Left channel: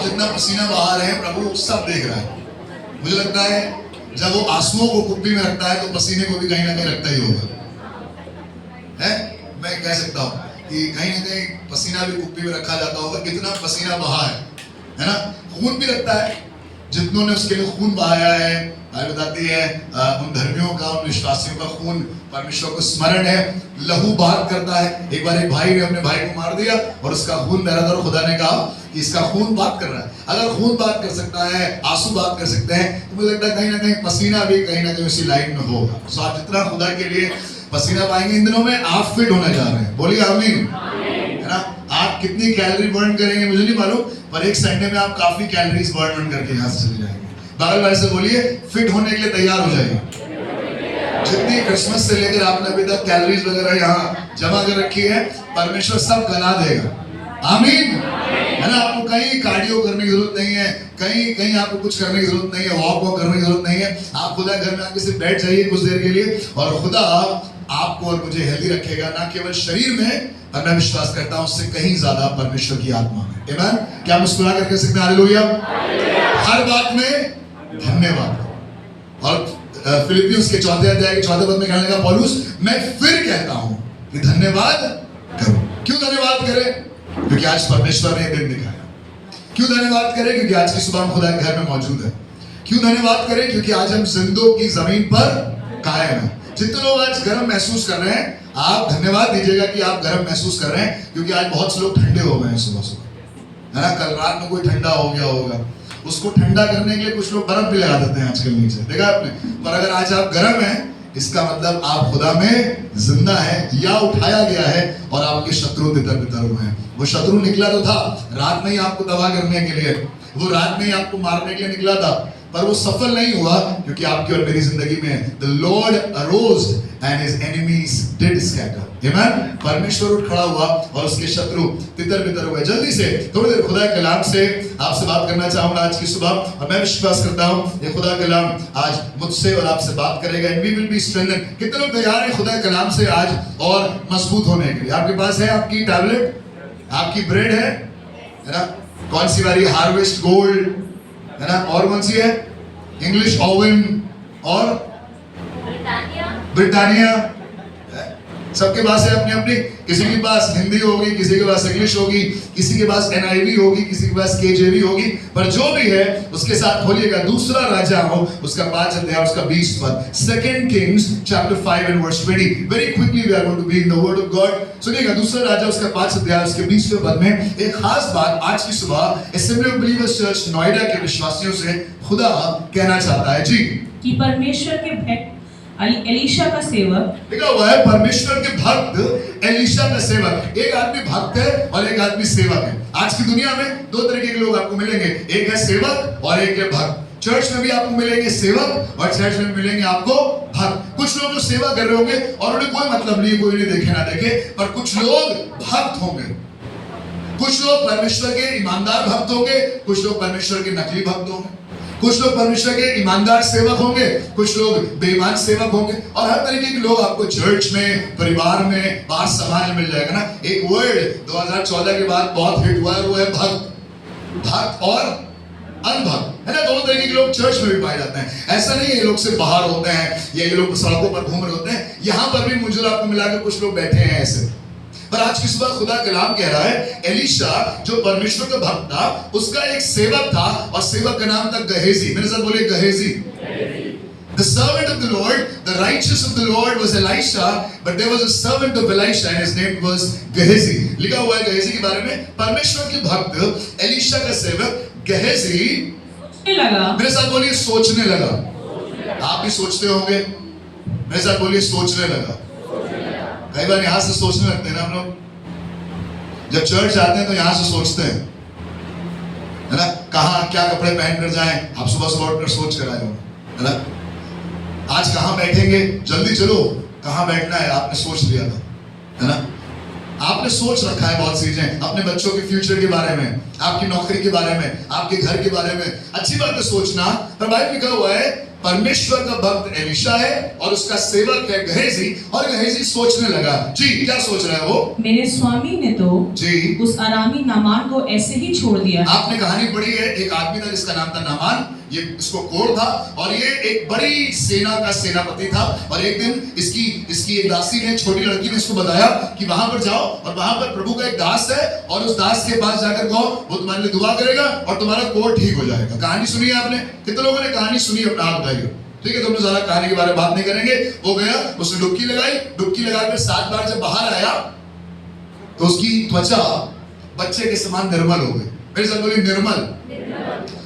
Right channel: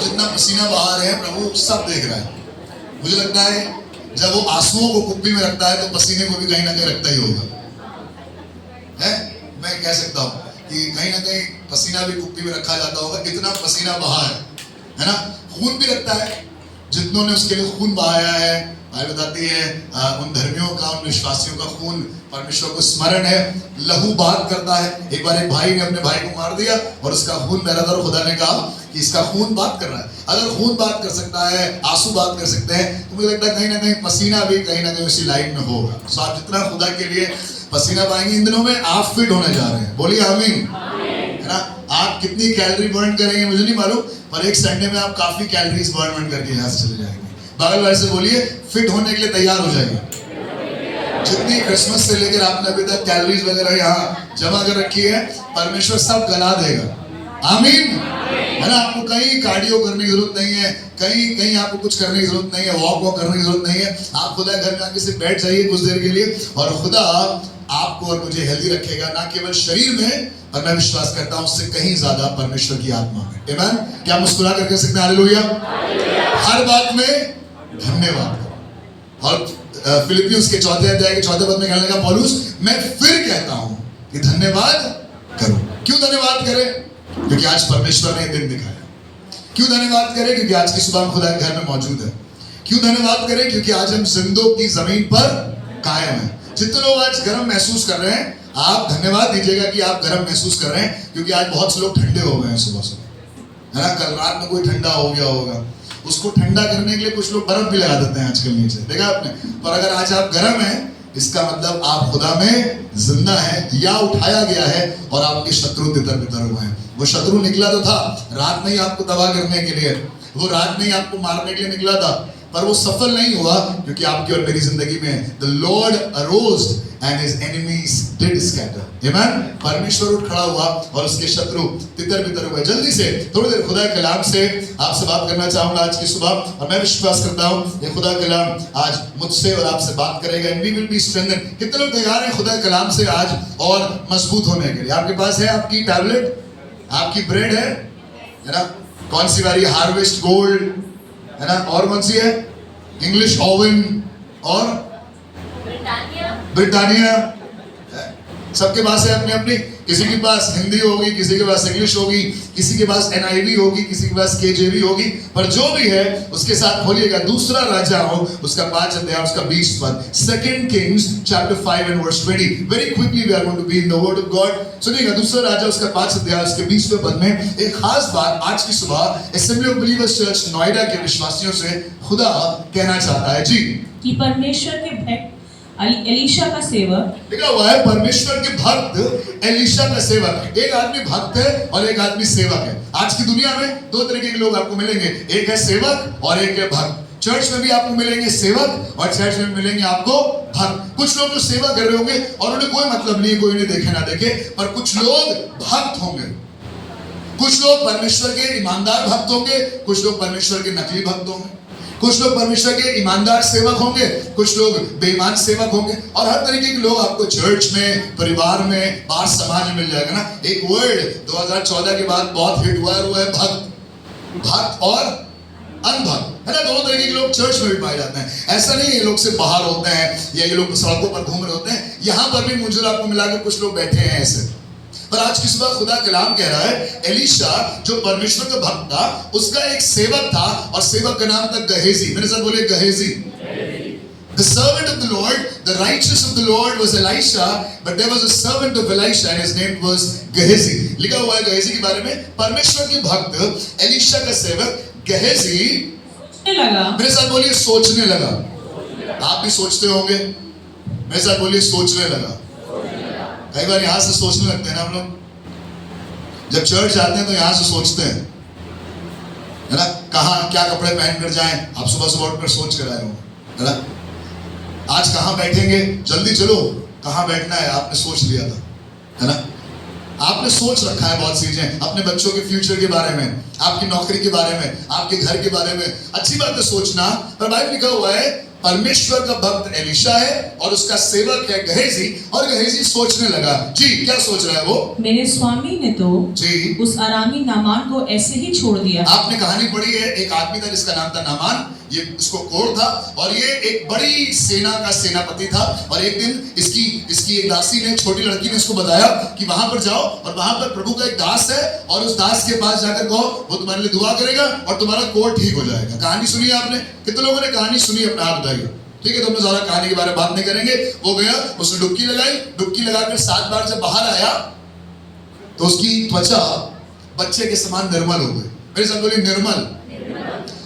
आप जितना पसीना बहा रहे हैं प्रभु सब देख रहा है। मुझे लगता है जब वो आंसुओं को कुप्पी में रखता है तो पसीने को भी कहीं ना कहीं रखता ही होगा, है? मैं कह सकता हूँ कि कहीं ना कहीं पसीना भी कुप्पी में रखा जाता होगा, इतना पसीना बहा है ना? खून भी रखता है, जितनों ने उसके लिए खून बहाया है। बाइबल बताती है उन धर्मियों का, उन विश्वासियों का खून परमेश्वर को स्मरण है, लहू बात करता है। एक बार एक भाई ने अपने भाई को मार दिया और उसका खून बह रहा था, खुदा ने कहा कि इसका खून बात कर रहा है। अगर खून बात कर सकता है, आंसू बात कर सकते हैं, तो मुझे लगता है कहीं ना कहीं पसीना भी कहीं ना कहीं उसी लाइन में होगा। तो आप जितना खुदा के लिए पसीना पाएंगे इन दिनों में, आप फिट होने जा रहे हैं। बोलिए आमीन, है ना? आप कितनी कैलोरी बर्न करेंगे मुझे नहीं मालूम, पर एक संडे में आप काफी कैलोरीज बर्न करके यहाँ से चले जाएंगे। बगल वाले से बोलिए फिट होने के लिए तैयार हो जाइए। जितनी क्रिसमस से लेकर आपने अभी तक कैलोरीज वगैरह यहाँ जमा कर रखी है, परमेश्वर सब गला देगा। आमीन, है ना? आपको कहीं कार्डियो करने की जरूरत नहीं है, कहीं आपको कुछ करने की जरूरत नहीं है, वॉक करने की जरूरत नहीं है। आप खुदा घर में आके सिर्फ बैठ जाइए कुछ देर के लिए और खुदा आपको और मुझे हेल्दी रखेगा, ना केवल शरीर में, और मैं विश्वास करता हूँ उससे कहीं ज्यादा परमेश्वर की आत्मा में। आमीन। क्या मुस्कुरा कर कह सकते हैं हालेलुया? हर बात में धन्यवाद करो। और फिलिपियंस के 4 अध्याय के 4 पद में कहने लगा पौलुस, मैं फिर कहता हूं कि धन्यवाद करो। क्यों धन्यवाद करें? क्योंकि आज परमेश्वर ने दिन दिखाया। क्यों धन्यवाद करें? क्योंकि आज की सुबह हम खुदा के घर में मौजूद है। क्यों धन्यवाद करें? क्योंकि आज हम जिंदों की जमीन पर कायम हैं। जितने लोग आज गर्म महसूस कर रहे हैं, आप धन्यवाद दीजिएगा कि आप गर्म महसूस कर रहे हैं, क्योंकि आज बहुत से लोग ठंडे हो गए हैं सुबह सुबह, है ना? कल रात में कोई ठंडा हो गया होगा, उसको ठंडा करने के लिए कुछ लोग बर्फ भी लगा देते हैं आजकल नीचे, देखा आपने? पर अगर आज आप गर्म हैं, इसका मतलब आप खुदा में जिंदा है या उठाया गया है और आपके शत्रु तितर बितर हुए हैं। वो शत्रु निकला तो था रात में ही आपको तबाह करने के लिए, वो रात में ही आपको मारने के लिए निकला था, पर वो सफल नहीं हुआ, क्योंकि आपकी और मेरी जिंदगी में the Lord arose and his enemies did scatter. Amen? परमेश्वर उठ खड़ा हुआ और उसके शत्रु तितर बितर हुए। जल्दी से थोड़ी देर खुदा के कलाम से आपसे बात करना चाहूंगा आज की सुबह, और मैं विश्वास करता हूँ ये खुदा कलाम आज मुझसे और आपसे बात करेगा। And we will be strengthened. कितने लोग तैयार हैं खुदा के कलाम से आज और मजबूत होने के लिए? आपके पास है आपकी टैबलेट, आपकी ब्रेड है ना? कौन सी वाली? हार्वेस्ट गोल्ड, है ना? और कौन सी है? इंग्लिश ओवन और ब्रिटानिया। सबके पास है अपनी अपनी। किसी के पास हिंदी होगी, किसी के पास इंग्लिश होगी, किसी के पास NIV होगी, किसी के पास KJV होगी, पर जो भी है उसके साथ खोलिएगा दूसरा राजा हो उसका 5 अध्याय उसका 20 पद, 2 Kings chapter 5 and verse 20. Very quickly we are going to be in the word of God. सुनिएगा दूसरा राजा उसका 5 अध्याय उसके 20वें पद में एक खास बात आज की सुबह assembly of believers church Noida के विश्वासियों से खुदा कहना चाहता है जी, कि परमेश्वर के भक्त एलीशा का सेवक, लिखा हुआ है परमेश्वर के भक्त एलीशा का सेवक। एक आदमी भक्त है और एक आदमी सेवक है। आज की दुनिया में 2 तरीके के लोग आपको मिलेंगे, एक है सेवक और एक है भक्त। चर्च में भी आपको मिलेंगे सेवक और चर्च में मिलेंगे आपको भक्त। कुछ लोग जो सेवा कर रहे होंगे और उन्हें कोई मतलब नहीं, कोई इन्हें देखे ना देखे, पर कुछ लोग भक्त होंगे। कुछ लोग परमेश्वर के ईमानदार भक्त होंगे, कुछ लोग परमेश्वर के नकली भक्त होंगे, कुछ लोग परमेश्वर के ईमानदार सेवक होंगे, कुछ लोग बेईमान सेवक होंगे, और हर तरीके के लोग आपको चर्च में, परिवार में, बाहर समाज में मिल जाएगा ना। एक वर्ड 2014 के बाद बहुत हिट हुआ है, वो है भक्त और अनभक्त, है ना? 2 तरीके के लोग चर्च में भी पाए जाते हैं। ऐसा नहीं है ये लोग सिर्फ बाहर होते हैं या ये लोग सड़कों पर घूम रहे होते हैं, यहाँ पर भी मुझे आपको मिलाकर कुछ लोग बैठे हैं ऐसे। पर आज की सुबह खुदा कलाम कह रहा है एलीशा जो परमेश्वर का भक्त था उसका एक सेवक था, और सेवक का नाम था गहेजी। मेरे साथ बोलिए गहेजी। The servant of the Lord, the righteous of the Lord was Elisha, but there was a servant of Elisha and his name was Gehazi. लिखा हुआ है गहेजी के बारे में, परमेश्वर के भक्त एलीशा का सेवक गहेजी सोचने लगा। मेरे साथ बोलिए सोचने लगा। आप भी सोचते होंगे, मेरे साथ बोलिए सोचने लगा। कई बार यहां से सोचने लगते हैं ना हम लोग, जब चर्च आते हैं तो यहां से सोचते हैं, है ना? कहाँ क्या कपड़े पहन कर जाएं, आप सुबह सुबह उठकर सोच कर आए हो, है ना? आज कहाँ बैठेंगे, जल्दी चलो, कहाँ बैठना है आपने सोच लिया था, है ना? आपने सोच रखा है बहुत चीजें, अपने बच्चों के फ्यूचर के बारे में, आपकी नौकरी के बारे में, आपके घर के बारे में। अच्छी बात है सोचना, पर बाइबल लिखा हुआ है परमेश्वर का भक्त एलीशा है और उसका सेवक है गहेजी, और गहेजी सोचने लगा। जी, क्या सोच रहा है वो? मेरे स्वामी ने तो जी, उस अरामी नामान को ऐसे ही छोड़ दिया। आपने कहानी पढ़ी है, एक आदमी था जिसका नाम था नामान, ये इसको कोढ़ था और ये एक बड़ी सेना का सेनापति था। और एक दिन इसकी एक दासी ने, छोटी लड़की ने इसको बताया कि वहां पर जाओ और वहां पर प्रभु का एक दास है और उस दास के पास जाकर कहो, वो तुम्हारे लिए दुआ करेगा और तुम्हारा कोढ़ ठीक हो जाएगा। कहानी सुनी है आपने? कितने लोगों ने कहानी सुनी? अपना हाथ उठाइए। ठीक है, तो हम ज्यादा कहानी के बारे में बात नहीं करेंगे। वो गया, उसने डुबकी लगाई, डुबकी लगाकर 7 बार जब बाहर आया तो उसकी त्वचा बच्चे के समान निर्मल हो गई। मेरे साथ बोलिए निर्मल।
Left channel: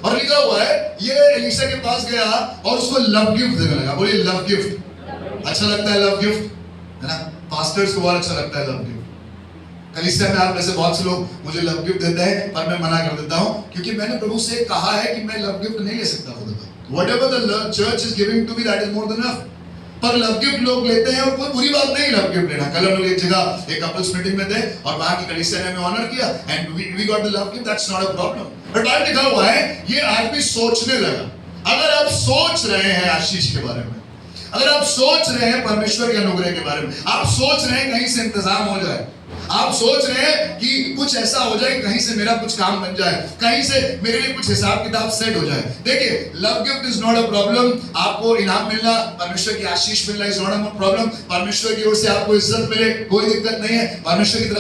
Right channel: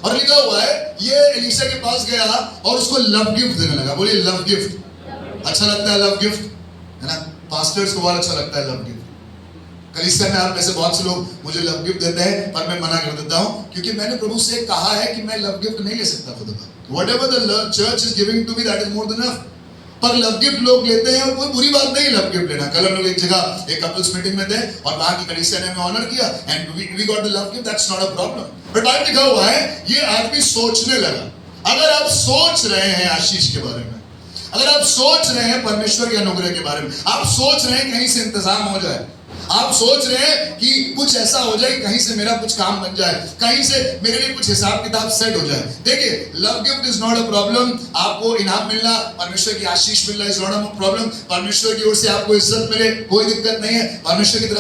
और लिखा हुआ है ये एलीशा के पास गया और उसको लव गिफ्ट देने लगा। बोलिए लव गिफ्ट। अच्छा लगता है लव गिफ्ट, है ना? पास्टर्स को बहुत अच्छा लगता है लव गिफ्ट। कलीसिया में आप जैसे बहुत से लोग मुझे लव गिफ्ट देते हैं, पर मैं मना कर देता हूं क्योंकि मैंने प्रभु से कहा है कि मैं लव गिफ्ट नहीं ले सकता खुद का। Whatever the church is giving to me, that is more than enough. पर लव गिफ्ट लोग लेते हैं और कोई बुरी बात नहीं लव गिफ्ट लेना। कल हम लोग एक जगह एक कपल्स मीटिंग में थे और वहां की कलीसिया ने हमें ऑनर किया and we got the love gift, that's not a problem. But Bible लिखा हुआ है ये आदमी सोचने लगा। अगर आप सोच रहे हैं आशीष के बारे में, अगर आप सोच रहे हैं परमेश्वर के अनुग्रह के बारे में, आप सोच रहे हैं कहीं से इंतजाम हो जाए, आप सोच रहे हैं कि कुछ ऐसा हो जाए, कहीं से मेरा कुछ काम बन जाए, कहीं से मेरे लिए कुछ हिसाब किताब सेट हो जाए। देखिए, love gift is not a problem. आपको इनाम मिलना, परमेश्वर की आशीष मिलना इज नॉट अ प्रॉब्लम। परमेश्वर की ओर से आपको इज्जत मिले, कोई दिक्कत नहीं है। परमेश्वर की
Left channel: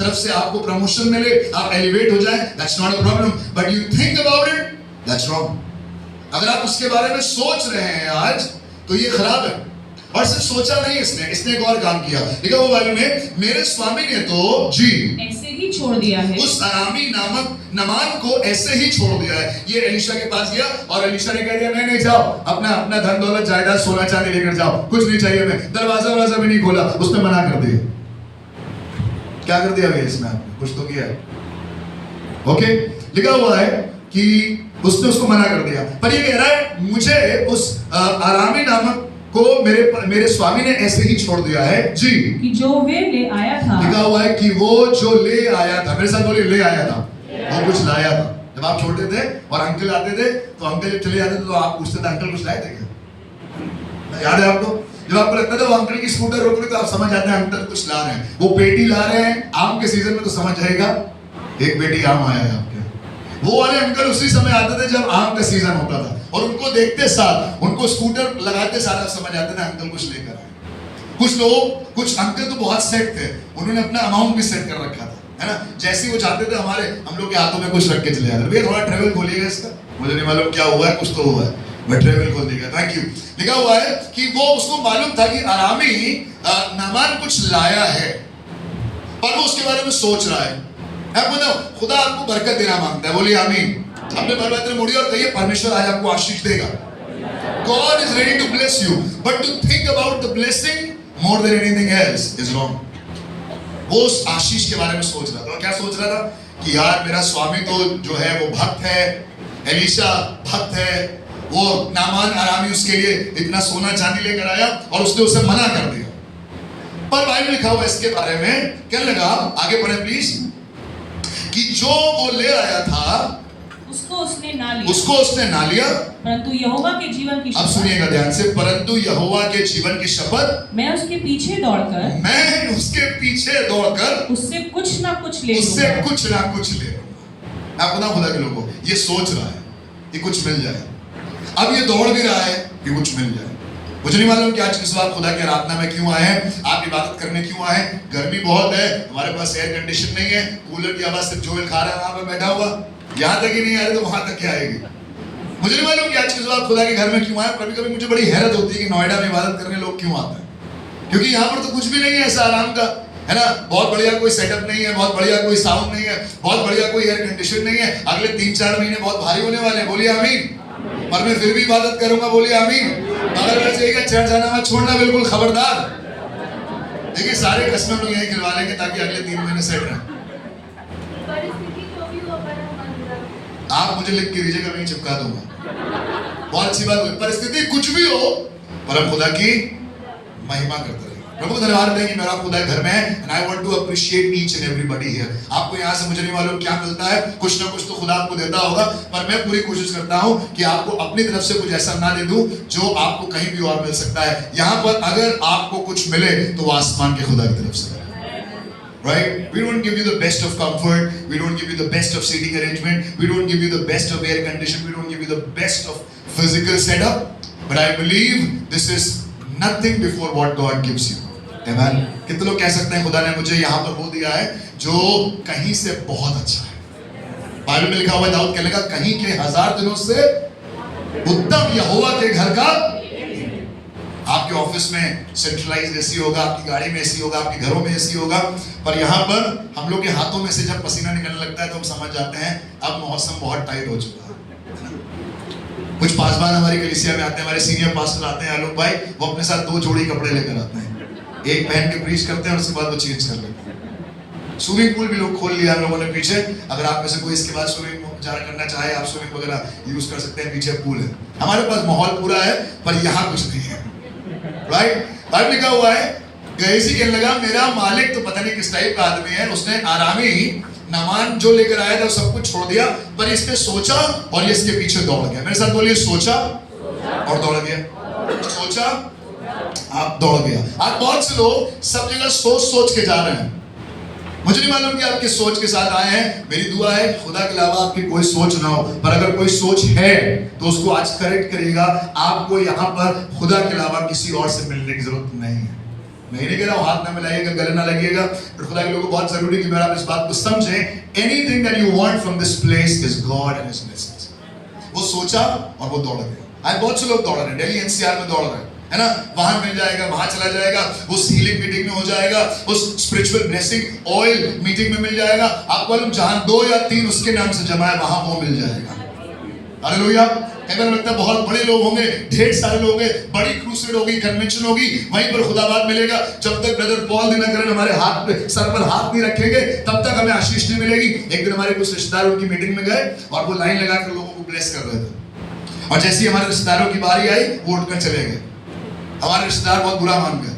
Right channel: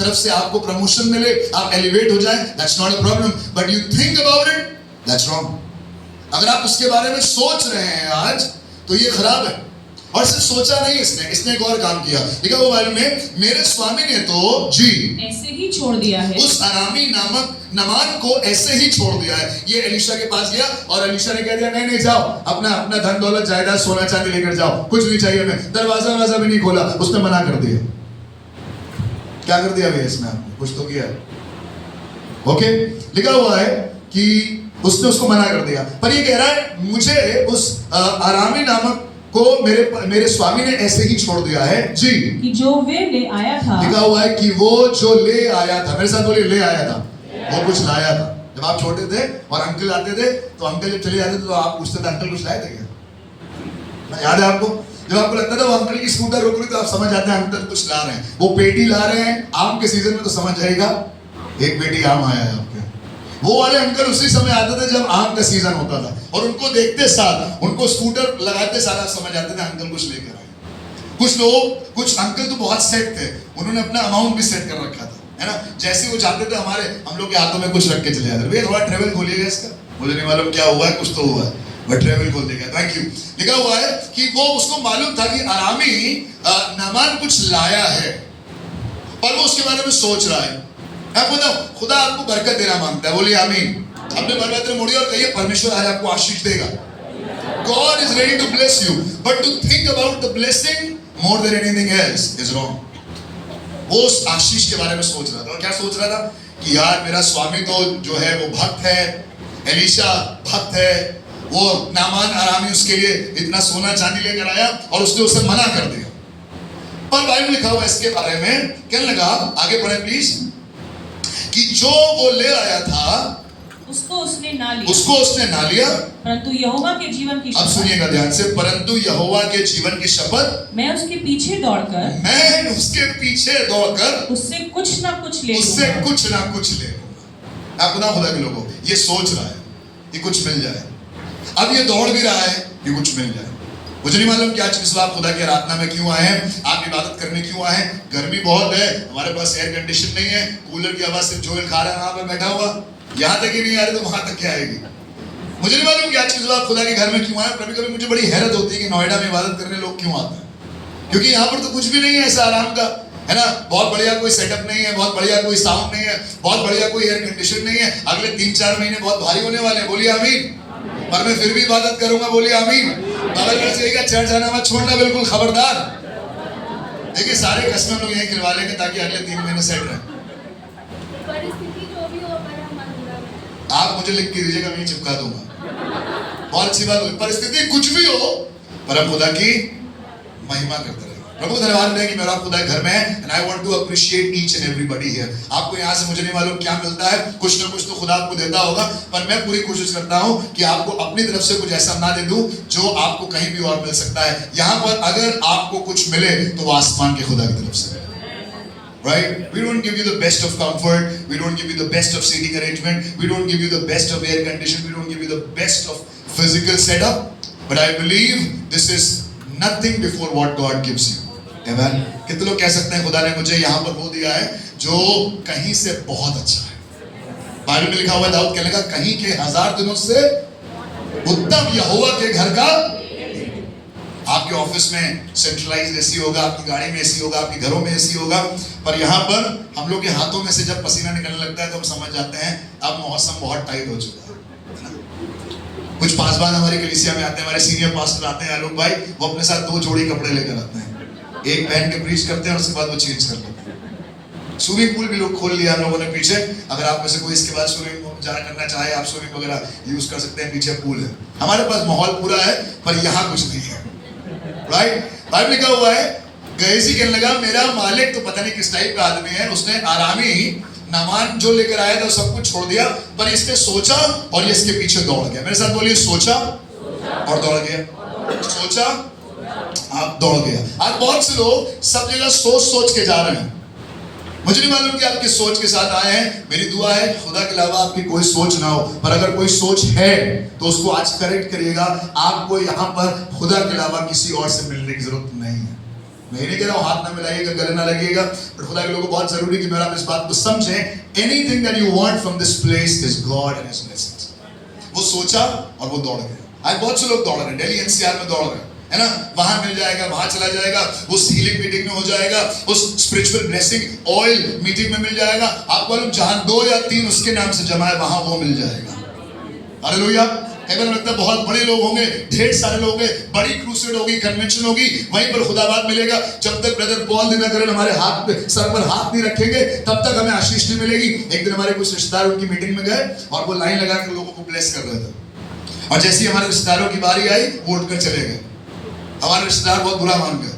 तरफ से आपको प्रमोशन मिले, आप एलिवेट हो जाए, that's not a problem. But you think about it, that's wrong. अगर आप उसके बारे में सोच रहे हैं आज, तो ये खराब है। और सिर्फ सोचा नहीं, इसने एक और काम किया। देखा वो बाइबल में, मेरे स्वामी ने तो जी ऐसे ही छोड़ दिया है। उस अरामी नामक नामान को ऐसे ही छोड़ दिया है। ये एलीशा के पास गया और एलीशा ने कह दिया नहीं नहीं जाओ, अपना धन दौलत जायदाद सोना चांदी लेकर जाओ, कुछ नहीं चाहिए हमें। दरवाजा भी नहीं खोला, उसने मना कर दिया। क्या कर दिया भैया इसने? आपने कुछ तो किया। ओके, लिखा हुआ है कि उसने उसको मना कर दिया। पर ये कह रहा है मुझे उस अरामी नामक को मेरे स्वामी ने ऐसे ही छोड़ दिया है। जी, कि जो वे ले आया था। लिखा हुआ है कि वो जो ले आया था, मेरे साथ बोलिए ले आया था, वो कुछ लाया था। जब आप छोटे थे और अंकल आते थे तो अंकल जब चले जाते थे तो आप पूछते थे अंकल कुछ लाए थे क्या? याद है आपको? जब आपको लगता था वो अंकल की स्कूटर रोक रही तो आप समझ जाते हैं अंकल कुछ ला रहे हैं। वो पेटी ला रहे हैं आम के सीजन में तो समझ जाएगा एक पेटी आम आया है आपके। वो वाले अंकल उसी समय आते थे जब आम का सीजन होता था और उनको देखते साथ, उनको स्कूटर लगाते साथ आप समझ जाते थे अंकल कुछ लेकर आए। कुछ लोग, कुछ अंकल तो बहुत सेट थे, उन्होंने अपना अमाउंट भी सेट कर रखा था, है ना? जैसे वो चाहते थे हम लोग के हाथों में कुछ रख के चले जाते। भैया थोड़ा ट्रेवल खोलिएगा इसका, मुझे नहीं मालूम क्या हुआ है, कुछ तो हुआ है, मैं ट्रेवल खोल देगा। Thank you. लिखा हुआ है कि वो उसको मालूम था कि अरामी नामान कुछ लाया है और वो उसके बारे में सोच रहा है। खुदा आपको बरकत देना मांगता है। बोलिए आमीन। अपने परमेश्वर में मुड़िए और कहिए परमेश्वर आज आपको आशीष देगा। God is ready to bless you, but to think about the blessing more than anything else is wrong. वो उस आशीष के बारे में सोच रहा था। और क्या सोच रहा था कि यार मेरा स्वामी तो जो है वो भक्त है, एलीशा भक्त है, वो नामान अरामी उसके लिए इतना सोना चांदी लेकर आया और उसने उसे मना कर दिया। पर बाइबल लिखा हुआ इसके बारे में, कहने लगा, आगे पढ़े प्लीज, कि जो वो ले आया था उसको उसने ना लिया, परंतु यहोवा के जीवन की शपथ। अब सुनिएगा ध्यान से, परंतु यहोवा के जीवन की शपथ मैं उसके पीछे दौड़कर उससे कुछ ना कुछ ले आप ना खुदा के लोगों, ये सोच रहा है कि कुछ मिल जाए। अब ये दौड़ भी रहा है कि कुछ मिल जाए। मुझे नहीं मालूम कि आज किस बात खुदा की आराधना में क्यों आए हैं, आप इबादत करने क्यों आए हैं। गर्मी बहुत है, हमारे पास एयर कंडीशन नहीं है, कूलर की आवाज से जोएल खा रहा है वहां पर बैठा हुआ, यहाँ तक ही नहीं आ रही तो वहां तक क्या आएगी। मुझे नहीं मालूम कि आज किस बात खुदा के घर में क्यों आए। कभी कभी मुझे बड़ी हैरत होती है कि नोएडा में इबादत करने लोग क्यों आते हैं, क्योंकि यहाँ पर तो कुछ भी नहीं है ऐसा आराम का, है ना? बहुत बढ़िया कोई सेटअप नहीं है, बहुत बढ़िया कोई साउंड नहीं है, बहुत बढ़िया कोई एयर कंडीशन नहीं है। अगले 3-4 महीने बहुत भारी होने वाले हैं। बोलिए आमीन। पर मैं फिर भी इबादत करूंगा। बोलिए आमीन। चर्च जाना मत छोड़ना, बिल्कुल खबरदार। देखिए सारे कस्टमर लोग यही खिलवा लेंगे ताकि अगले 3 महीने सेट रहे। आप मुझे लिख के दीजिएगा, मैं चिपका दूंगा। बहुत अच्छी बात है, परिस्थिति कुछ भी हो पर हम खुदा की महिमा करते रहेंगे। प्रभु धन्यवाद है कि मेरा खुदा घर में है and I want to appreciate each and everybody here. आपको यहाँ से मुझे नहीं मालूम क्या मिलता है, कुछ ना कुछ तो खुदा आपको देता होगा, पर मैं पूरी कोशिश करता हूँ कि आपको अपनी तरफ से कुछ ऐसा ना दे दूं जो आपको कहीं भी और मिल सकता है। यहाँ पर अगर आपको कुछ मिले तो वो आसमान के खुदा की तरफ से। Right? We don't give you the best of comfort. We don't give you the best of seating arrangement. We don't give you the best of air condition. We don't give you the best of physical setup. But I believe this is nothing before what God gives you. Amen. कितने लोग कह सकते हैं खुदा ने मुझे यहाँ पर वो दिया है जो कहीं से बहुत अच्छा है। बाइबल में लिखा हुआ है, दाऊद कहने लगा कहीं के 1000 दिनों से उत्तम यहोवा के घर का। आपके ऑफिस में सेंट्रलाइज्ड एसी होगा, आपकी गाड़ी में एसी होगा, आपके घरों में एसी होगा, पर यहाँ पर हम लोग के हाथों में से जब पसीना निकलने लगता है तो हम समझ जाते हैं अब मौसम बहुत टाइट हो चुका है। कुछ पासवान हमारी कलीसिया में आते हैं, हमारे सीनियर पास्टर आते हैं, आलोक भाई, वो अपने साथ 2 जोड़ी कपड़े लेकर आते हैं, एक पहन के प्रीच करते हैं और उसके बाद वो चेंज कर लेते हैं। स्विमिंग पूल भी लोग खोल लिया हम लोगों ने पीछे, अगर आप में से कोई इसके बाद स्विमिंग जाना करना चाहे, आप स्विमिंग वगैरह यूज कर सकते हैं, पीछे पूल है। हमारे पास माहौल पूरा है पर यहाँ कुछ नहीं है। राइट? बाइबल लिखा हुआ है, गहेजी कहने लगा मेरा मालिक तो पता नहीं किस टाइप का आदमी है, उसने आरामी नामान जो लेकर आया था सब कुछ छोड़ दिया, पर इसने सोचा और ये इसके पीछे दौड़ गया। मेरे साथ बोलिए, सोचा और दौड़ गया। सोचा, आप दौड़ गया। आज बहुत से लोग सब जगह सोच सोच के जा रहे हैं। मुझे नहीं मालूम कि आप किस सोच के साथ आए हैं। मेरी दुआ है खुदा के अलावा आपकी कोई सोच ना हो, पर अगर कोई सोच है तो उसको आज करेक्ट करिएगा। आपको यहाँ पर खुदा के अलावा किसी और से मिलने की जरूरत नहीं है। मैं नहीं कह रहा हूँ हाथ ना मिलाइएगा, गले ना लगिएगा, पर खुदा के लोगों को बहुत जरूरी कि मेरा आप इस बात को समझें। Anything that you want from this place is God and his blessings. वो सोचा और वो दौड़ गए। आज बहुत से लोग दौड़ रहे हैं, दिल्ली एनसीआर में दौड़ रहे हैं, है ना, वहां मिल जाएगा, वहां चला जाएगा, उस हीलिंग मीटिंग में हो जाएगा, उस स्पिरिचुअल ब्लेसिंग ऑयल मीटिंग में मिल जाएगा। आपको मालूम जहां 2 या 3 उसके नाम से जमा है वहां वो मिल जाएगा। हालेलुया। अगर लगता है बहुत बड़े लोग होंगे, ढेर सारे लोग होंगे, बड़ी क्रूसेड होगी, कन्वेंशन होगी, वहीं पर खुदाबाद मिलेगा। जब तक ब्रदर पॉल दिनकरन हमारे हाथ पे सर पर हाथ नहीं रखेंगे तब तक हमें आशीष नहीं मिलेगी। एक दिन हमारे कुछ रिश्तेदार उनकी मीटिंग में गए और वो लाइन लगाकर लोगों को ब्लेस कर रहे थे, और जैसे ही हमारे रिश्तेदारों की बारी आई वो उठकर चले गए। हमारे रिश्तेदार बहुत बुरा मान गए,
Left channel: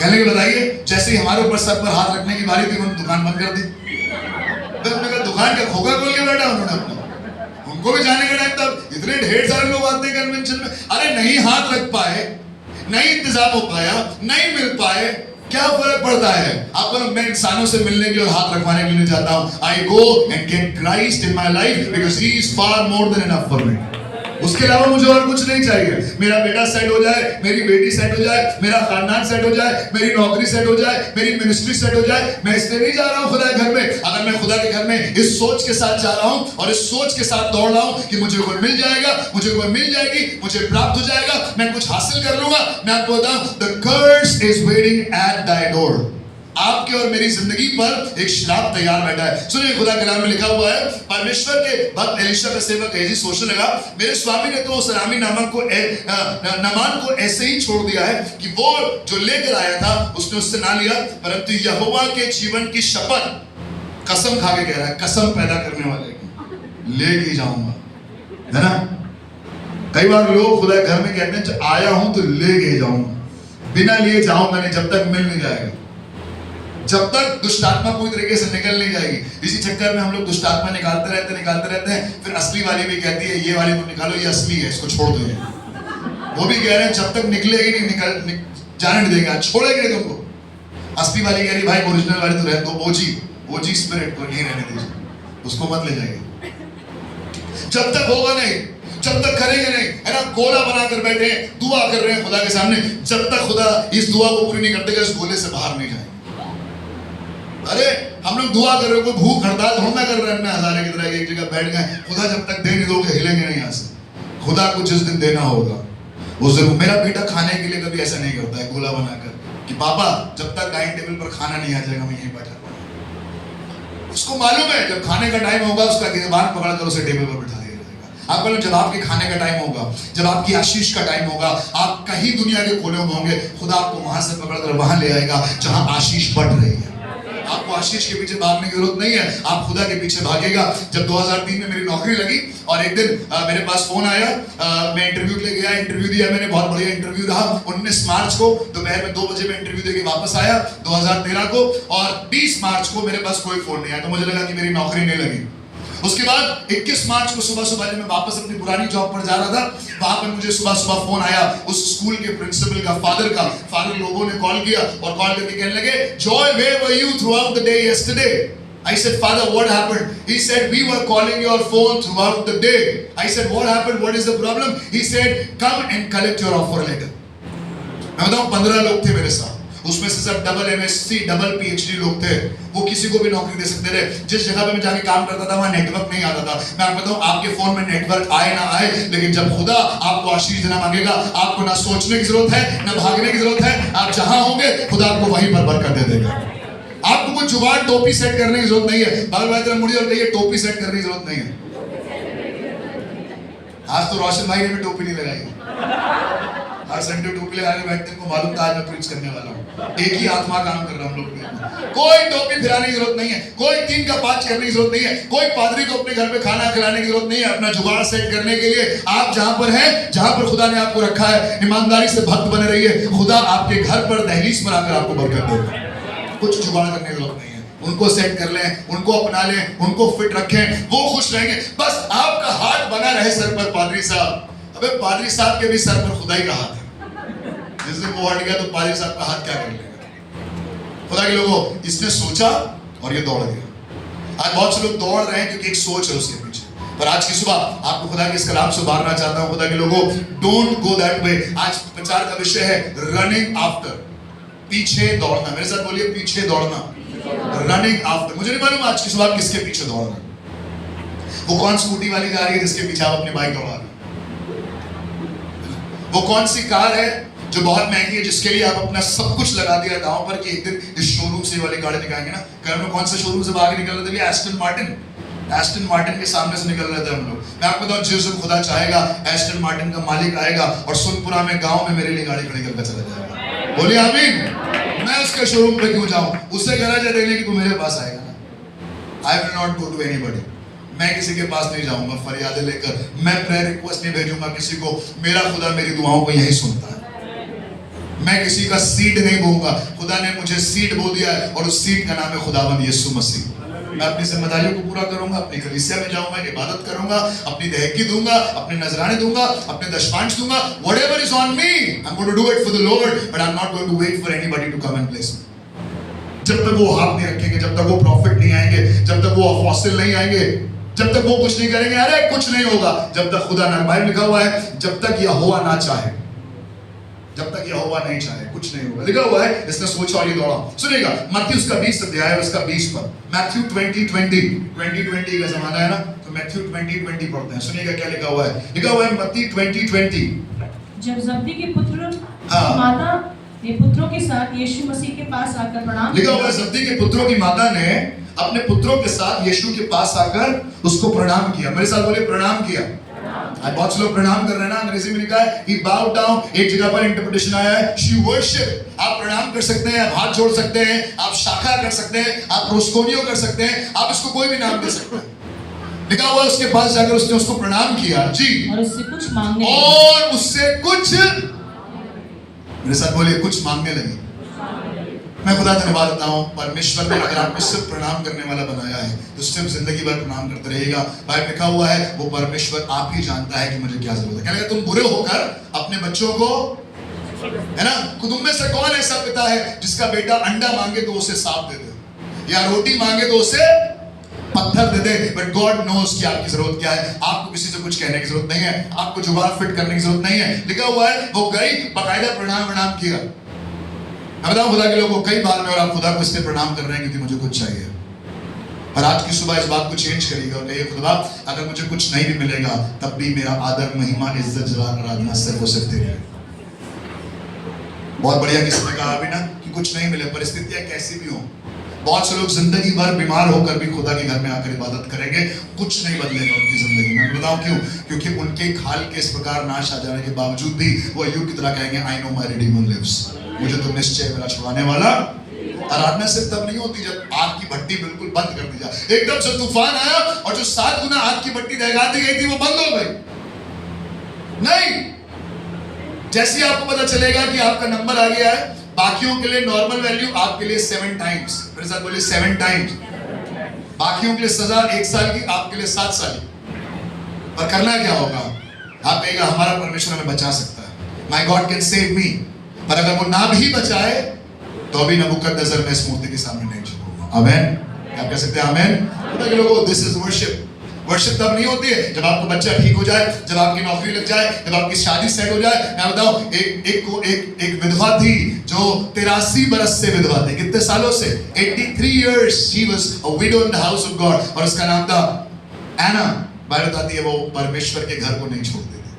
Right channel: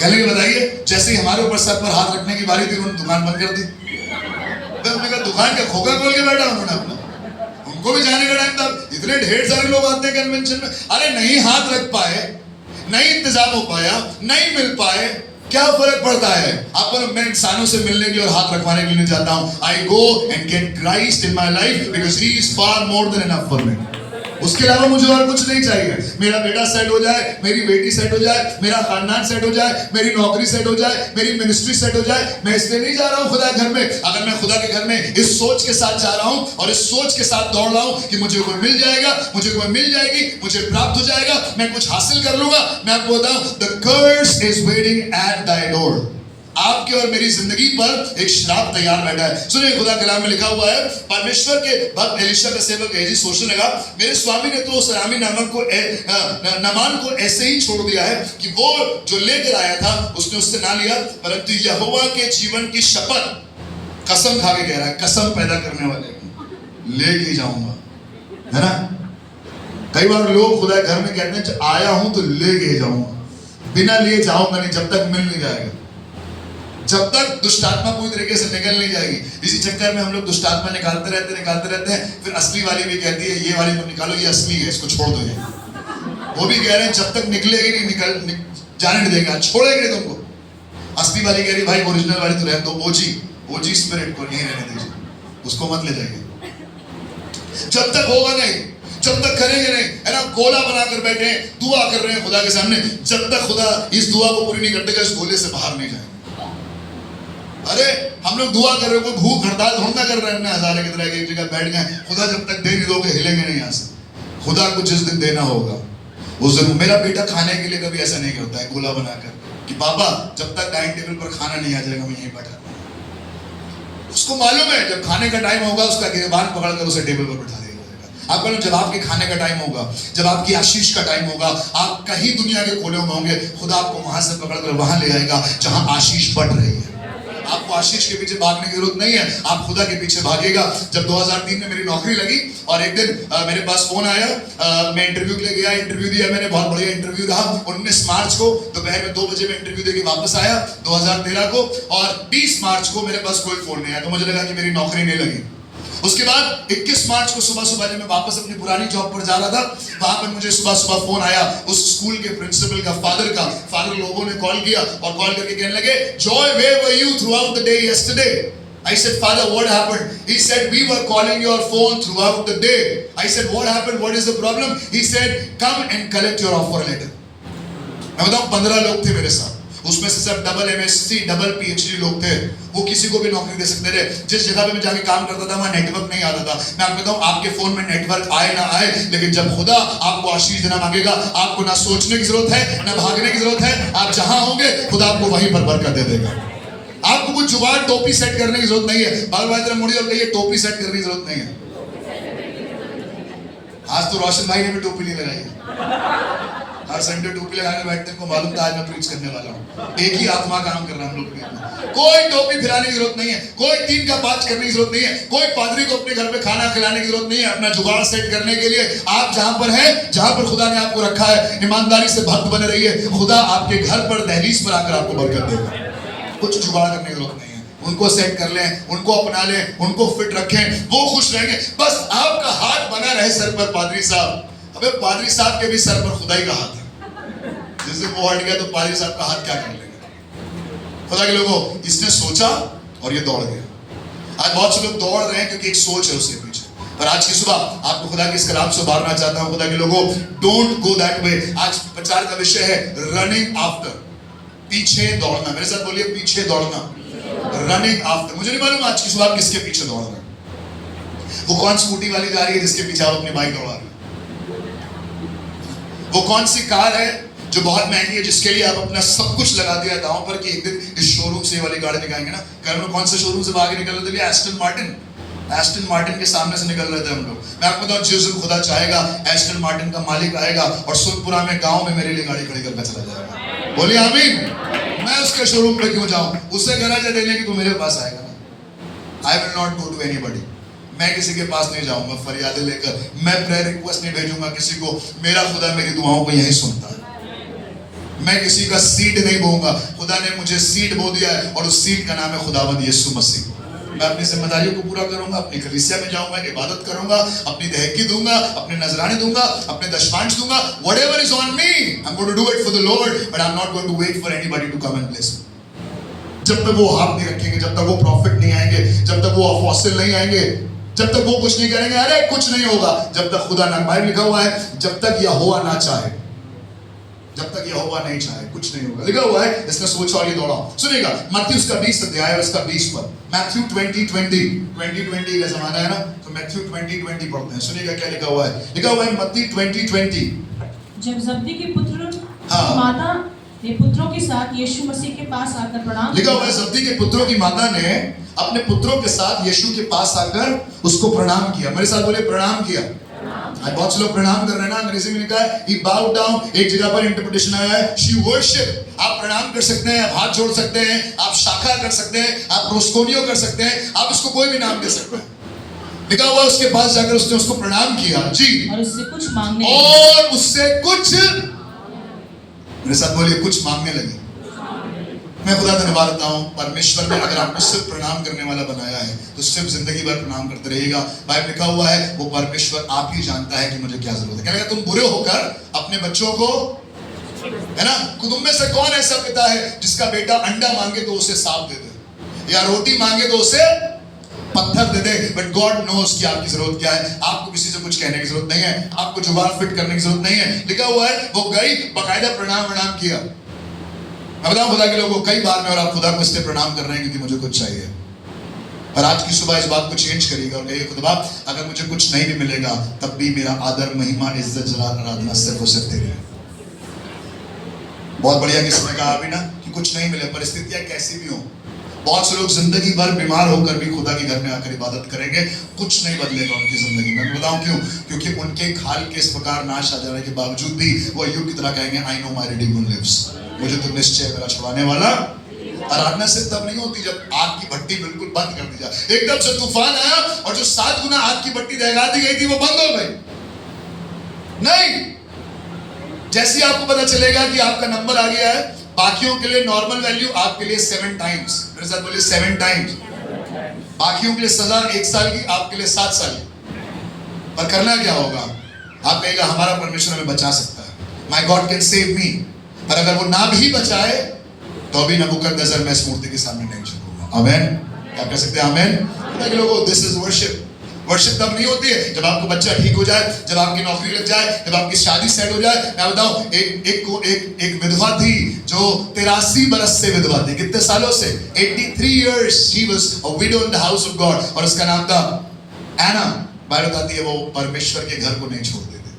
कहने के बताइए जैसे ही हमारे ऊपर सर पर हाथ रखने की बारी थी उन्होंने दुकान बंद कर दी। दुकान का खोखा खोल के बैठा उन्होंने अपना, उनको भी जाने का टाइम था। इतने ढेर सारे लोग आते हैं कन्वेंशन में, अरे नहीं हाथ रख पाए, नहीं इंतजाम हो पाया, नहीं मिल पाए, क्या फर्क पड़ता है? आप मैं इंसानों से मिलने के लिए और हाथ रखवाने के लिए चाहता हूं। I go and get Christ in my life because he is far more than enough for me. उसके अलावा मुझे और कुछ नहीं चाहिए। मेरा बेटा सेट हो जाए, मेरी बेटी सेट हो जाए, मेरा खानदान सेट हो जाए, मेरी नौकरी सेट हो जाए, मेरी मिनिस्ट्री सेट हो जाए। मैं इसलिए नहीं जा रहा हूँ खुदा के घर में। अगर मैं खुदा के घर में इस सोच के साथ जा रहा हूँ और इस सोच के साथ दौड़ रहा हूँ कि मुझे कोई मिल जाएगा, मुझे कोई मिल जाएगी, मुझे प्राप्त हो जाएगा, मैं कुछ हासिल कर लूंगा, मैं आपको बताऊं, the curse is waiting at thy door। आपके और मेरी जिंदगी पर एक श्राप तैयार बैठा है। सुनिए, खुदा कलाम में लिखा हुआ है, परमेश्वर के भक्त एलीशा का सेवक गेहजी सोचने लगा, मेरे स्वामी ने तो उस अरामी नामान को ऐसे ही छोड़ दिया है कि वो जो लेकर आया था उसने उससे ना लिया, परंतु यहोवा के जीवन की शपथ कसम खा के कह रहा है, कसम पैदा करने वाले लेके जाऊंगा, है ना। कई बार लोग खुदा घर में कहते हैं आया हूं तो लेके जाऊंगा, बिना लिए जाऊंगा नहीं, जब तक मिल नहीं जाएगा, जब तक दुष्टात्मा पूरी तरीके से निकल नहीं जाएगी। इसी चक्कर में हम लोग दुष्टात्मा निकालते रहते हैं, फिर असली वाली भी कहती है ये वाली तुम निकालो, ये असली है, इसको छोड़ दो। वो भी कह रहे हैं जब तक निकलेगी नहीं जाने नहीं देगा, छोड़ेंगे नहीं तुमको। असली वाली कह रही भाई ओरिजिनल वाली तो रहने दो, ओजी स्पिरिट को नहीं रहने दीजिए, उसको मत ले जाइए। जब तक होगा नहीं, जब तक करेंगे नहीं, है ना, गोला बनाकर बैठे हैं, दुआ कर रहे हैं खुदा के सामने, जब तक खुदा इस दुआ को पूरी नहीं करते इस गोले से बाहर नहीं जाएंगे। अरे हम लोग दुआ कर रहे हो, कोई भूख हड़ताल धंधा कर रहे हैं, हजारे की तरह एक जगह बैठ गए, खुदा जब तक दे नहीं दोगे हिलेंगे नहीं यहाँ से। खुदा को जिस दिन देना होगा उस दिन। मेरा बेटा खाने के लिए कभी ऐसा नहीं करता है गोला बनाकर कि पापा जब तक डाइनिंग टेबल पर खाना नहीं आ जाएगा मैं यहीं बैठा रहूंगा। उसको मालूम है जब खाने का टाइम होगा उसका गिरबान पकड़कर उसे टेबल पर बिठा दिया जाएगा। आपको जब आपके खाने का टाइम होगा, जब आपकी आशीष का टाइम होगा, आप कहीं दुनिया के कोने में होंगे, खुदा आपको वहां से पकड़कर वहां ले आएगा जहां आशीष बढ़ रही है। आपको आशीष के पीछे भागने की जरूरत नहीं है, आप खुदा के पीछे भागिएगा। जब 2003 में मेरी नौकरी लगी और एक दिन मेरे पास फोन आया, मैं इंटरव्यू के लिए गया, इंटरव्यू दिया मैंने, बहुत बढ़िया इंटरव्यू रहा। 19 मार्च को दोपहर में 2 बजे में इंटरव्यू देके वापस आया 2013 को, और 20 मार्च को मेरे पास कोई फोन नहीं आया, तो मुझे लगा कि मेरी नौकरी नहीं लगी। उसके बाद 21 मार्च को सुबह सुबह जब मैं वापस अपनी पुरानी जॉब पर जा रहा था, वहां पर मुझे सुबह सुबह फोन आया उस स्कूल के प्रिंसिपल का, फादर लोगों ने कॉल किया और कॉल करके कहने लगे, Joy where were you throughout the day yesterday? I said, Father, what happened? He said, we were calling your phone throughout the day. I said, what happened? What is the problem? He said, come and collect your offer letter. मैं बताऊं 15 लोग थे मेरे साथ, उसमें से सब double MSc double PhD लोग थे, वो किसी को भी नौकरी दे सकते थे। जिस जगह पे मैं जाके काम करता था वहाँ नेटवर्क नहीं आता था। मैं आपको बताऊं, आपके फोन में नेटवर्क आए ना आए, लेकिन जब खुदा आपको आशीष देना मांगेगा, आपको ना सोचने की जरूरत है ना भागने की जरूरत है, आप जहां होंगे खुदा आपको वहीं पर बरकत दे देगा। आपको कुछ जुबान टोपी सेट करने की जरूरत नहीं है। बाल बाल मुड़िए और कहिए, टोपी सेट करने की जरूरत नहीं है। आज तो रोशन भाई ने भी टोपी नहीं लगाई, हर संडे टोपी लगा के बैठते हैं, को मालूम था आज मैं प्रीच करने वाला हूँ। एक ही आत्मा काम कर रहा है हम लोग के। कोई टोपी फिराने की जरूरत नहीं है, कोई 3 का 5 करने की जरूरत नहीं है, कोई पादरी को अपने घर पे खाना खिलाने की जरूरत नहीं है। अपना जुगाड़ सेट करने के लिए आप जहां पर हैं, जहां पर खुदा ने आपको रखा है, ईमानदारी से भक्त बने रहिए। खुदा आपके घर पर दहलीज पर आकर आपको बरकत देगा। कुछ जुगाड़ करने की जरूरत नहीं है, उनको सेट कर लें, उनको अपना लें, उनको फिट रखें, वो खुश रहेंगे। बस आपका हाथ बना रहे सर पर। पादरी साहब, अबे पादरी साहब के भी सर पर खुदा ही का हाथ है। जिस दिन वो हट गया तो पादरी साहब का हाथ क्या कर लेगा? खुदा के लोगों, इसने सोचा और ये दौड़ गया। आज बहुत से लोग दौड़ रहे हैं क्योंकि एक सोच है उसके पीछे। पर आज की सुबह आपको खुदा के इस कलाम से उबारना चाहता हूं। खुदा के लोगों, डोंट गो दैट वे। आज प्रचार का विषय है रनिंग आफ्टर, पीछे दौड़ना। मेरे साथ बोलिए, पीछे दौड़ना, रनिंग आफ्टर। मुझे नहीं मालूम आज की सुबह किसके पीछे दौड़ रहे हैं। वो कौन स्कूटी वाली जा रही है जिसके पीछे आप अपनी बाइक दौड़ा रहे हैं? वो कौन सी कार है जो बहुत महंगी है, जिसके लिए आप अपना सब कुछ लगा दिया दांव पर कि एक दिन इस शोरूम से वाली गाड़ी दिखाएंगे ना। घर में कौन से शोरूम से आगे निकल रहे थे? एस्टन मार्टिन के सामने से निकल रहे थे हम लोग। मैं आपको बताऊं, जिस दिन खुदा चाहेगा एस्टन मार्टिन का मालिक आएगा और सुनपुरा में गांव में मेरे लिए गाड़ी खड़ी करके चला जाएगा। बोलिए आमीन। मैं उसके शोरूम पे क्यों जाऊं? उससे गराजा देने की तो मेरे पास आएगा ना। I will not go to anybody. मैं किसी के पास नहीं जाऊंगा फरियादें लेकर, मैं प्रेयर रिक्वेस्ट नहीं भेजूंगा किसी को। मेरा खुदा मेरी दुआओं को यही सुनता है। मैं किसी का सीड नहीं बोऊंगा। खुदा ने मुझे सीड बो दिया है और उस सीड का नाम है खुदावंद यीशु मसीह। मैं अपनी जिम्मेदारियों को पूरा करूंगा, अपनी कलीसिया में जाऊंगा, इबादत करूंगा, अपनी दहकी दूंगा, अपने नजराने दूंगा, अपने दशमांश दूंगा। Whatever is on me, I'm going to do it for the Lord, but I'm not going to wait for anybody to come and bless me. जब तक वो हाथ नहीं रखेंगे, जब तक वो प्रॉफिट नहीं आएंगे, जब तक वो अपोस्टल नहीं आएंगे, जब तक वो कुछ नहीं करेंगे, अरे कुछ नहीं होगा। जब तक खुदा ना, बाइबल लिखा हुआ है, जब तक यहोवा ना चाहे, जब तक यहोवा नहीं चाहे कुछ नहीं होगा। लिखा हुआ है, इसने सोचा और ये दौड़ा। सुनिएगा, मत्ती उसका 20 अध्याय है, उसका 20 पर। मैथ्यू 20:20 का जमाना है ना, तो मैथ्यू 20:20 पढ़ते हैं। सुनिएगा क्या लिखा हुआ है। लिखा हुआ है मत्ती 20:20। जब जब्दी के पुत्र माता ने पुत्रों के साथ यीशु मसीह के पास आकर प्रणाम, लिखा हुआ है जब्दी के पुत्रों की माता ने अपने पुत्रों के साथ यीशु के पास आकर उसको प्रणाम किया। मेरे साथ बोलिए, प्रणाम किया। आज बहुत से लोग प्रणाम कर रहे हैं ना, अंग्रेजी में लिखा है he bowed down। एक जगह पर इंटरप्रिटेशन आया है she worship। आप प्रणाम कर सकते हैं, आप हाथ जोड़ सकते हैं, आप शाखा कर सकते हैं, आप प्रोस्कोनियो कर सकते हैं, आप इसको कोई भी नाम दे सकते हैं। लिखा हुआ उसके पास जाकर उसने उसको प्रणाम किया जी, और उससे कुछ मांगने मेरे साथ बोलिए, कुछ मांगने लगी। मैं खुदा धन्यवाद देता हूँ, परमेश्वर ने अगर आपको सिर्फ प्रणाम करने वाला बनाया है तो सिर्फ जिंदगी भर प्रणाम करते रहिएगा। बाइबल लिखा हुआ है, वो परमेश्वर आप ही जानता है कि मुझे क्या जरूरत है। कहने तुम बुरे होकर अपने बच्चों को, है ना, तुम में से कौन ऐसा पिता है जिसका बेटा अंडा मांगे तो उसे सांप दे दे, या रोटी मांगे तो उसे पत्थर दे दे। बट गॉड नोस कि आपकी जरूरत क्या है। आपको किसी से कुछ कहने की जरूरत नहीं है, आपको जुबान फिट करने की जरूरत नहीं है। लिखा हुआ है वो गई, बाकायदा प्रणाम किया। मैं बताऊं खुदा के लोगों, कई बार में और आप खुदा को इसलिए प्रणाम कर रहे हैं क्योंकि मुझे कुछ चाहिए। और आज की सुबह इस बात को चेंज करिएगा और कहिए, खुदा अगर मुझे कुछ नहीं भी मिलेगा तब भी मेरा आदर, महिमा, इज्जत, जलाल, आराधना सिर्फ और सिर्फ तेरी है। बहुत बढ़िया किसी ने कहा अभी ना कि कुछ नहीं मिले, परिस्थितियां कैसी भी हो। बहुत से लोग जिंदगी भर बीमार होकर भी खुदा के घर में आकर इबादत करेंगे, कुछ नहीं बदलेगा उनकी जिंदगी में। बताऊं क्यों? क्योंकि उनके खाल के इस प्रकार नाश आ जाने के बावजूद भी वो अय्यूब की तरह कहेंगे, I know my redeemer lives. मुझे तो निश्चय मेरा छुड़ाने वाला। आराधना सिर्फ तब नहीं होती जब आग की भट्टी बिल्कुल बंद कर दी जाए। एकदम से तूफान आया और जो 7 गुना आग की भट्टी जगा दी गई थी वो बंद हो गई। नहीं, जैसे ही आपको पता चलेगा कि आपका नंबर आ गया है, बाकियों के लिए नॉर्मल वैल्यू, आपके लिए 7 टाइम्स, मेरे साथ बोलिए 7 टाइम्स। बाकियों के लिए सजा 1 साल की, आपके लिए 7 साल की। पर करना क्या होगा? आप कहेगा हमारा परमेश्वर हमें बचा सकता है, my God can save me. पर अगर वो ना भी बचाए तो भी नबूकदनेस्सर मैं इस मूर्ति के सामने नहीं झुकूंगा। आमेन। क्या कह सकते हैं? आमेन। लोगों, दिस इज वर्शिप। वर्शिप तब नहीं होती है जब आपका बच्चा ठीक हो जाए, जब आपकी नौकरी लग जाए, जब आपकी शादी सेट हो जाए। मैं बताऊं, एक विधवा थी जो 83 बरस से विधवा थी। कितने सालों से? 83 years she was a widow in the house of God, और उसका नाम था एना। बाइबल बताती है वो परमेश्वर के घर को नहीं छोड़ती थी।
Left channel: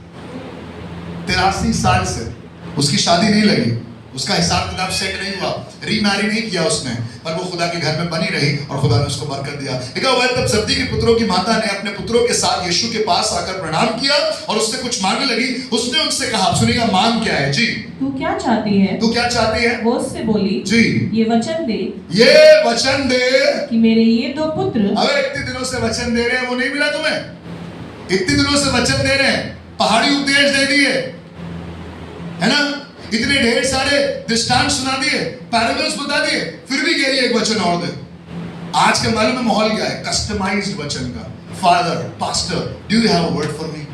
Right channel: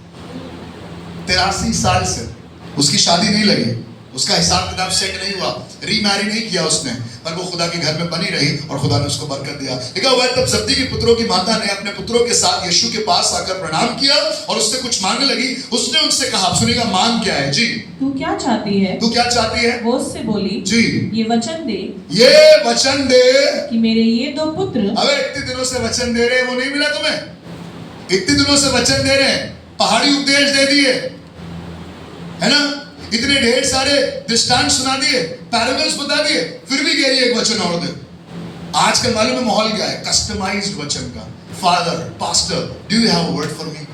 83 साल से उसकी शादी नहीं लगी, उसका हिसाब किताब सेट नहीं हुआ, रीमैरी नहीं किया उसने, पर वो खुदा के घर में बनी रही और खुदा ने उसको बरकत दिया। लिखा हुआ है, तब जब्दी के पुत्रों की माता ने अपने पुत्रों के साथ यीशु के पास आकर प्रणाम किया और उससे कुछ मांगने लगी। उसने उनसे कहा, सुनिएगा, मांग क्या है जी? तू क्या चाहती है? तू क्या चाहती है? वो उससे बोली, जी, ये वचन दे, ये वचन दे कि मेरे ये 2 पुत्र। अबे इतने दिनों से वचन दे रहे हैं, वो नहीं मिला तुम्हें? इतने दिनों से वचन दे रहे हैं, पहाड़ी उपदेश दे दिए, है ना, इतने ढेर सारे दृष्टांत सुना दिए, पैराबल्स बता दिए, फिर भी कह रही है एक वचन और दे। आजकल मालूम है माहौल क्या है? कस्टमाइज्ड वचन का। Father, pastor, do you have a word for me?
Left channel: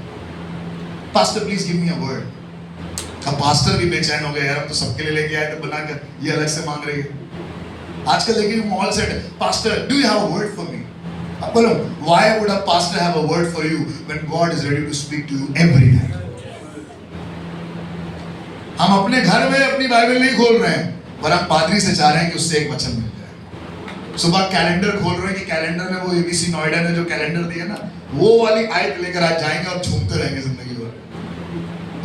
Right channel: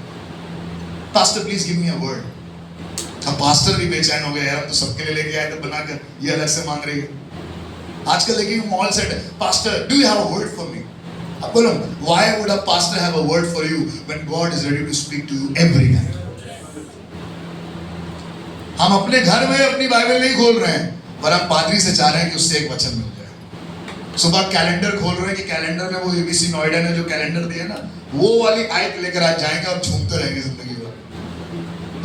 Pastor please give me a word. अब पास्टर भी बेचैन हो गया, यार तो सबके लिए लेके आए तो बनाकर ये अलग से मांग रही है। आजकल देखिए माहौल सेट है, pastor do you have a word for me? अब बोलो, why would a pastor have a word for you when God is ready to speak to you every night? हम अपने घर में अपनी बाइबल नहीं खोल रहे हैं, पर हम पादरी से चाह रहे हैं कि उससे एक वचन मिल जाए। सुबह कैलेंडर खोल रहे हैं कि कैलेंडर में वो एबीसी नोएडा ने जो कैलेंडर दिया ना, वो वाली आयत लेकर आज जाएंगे और झूमते रहेंगे जिंदगी भर।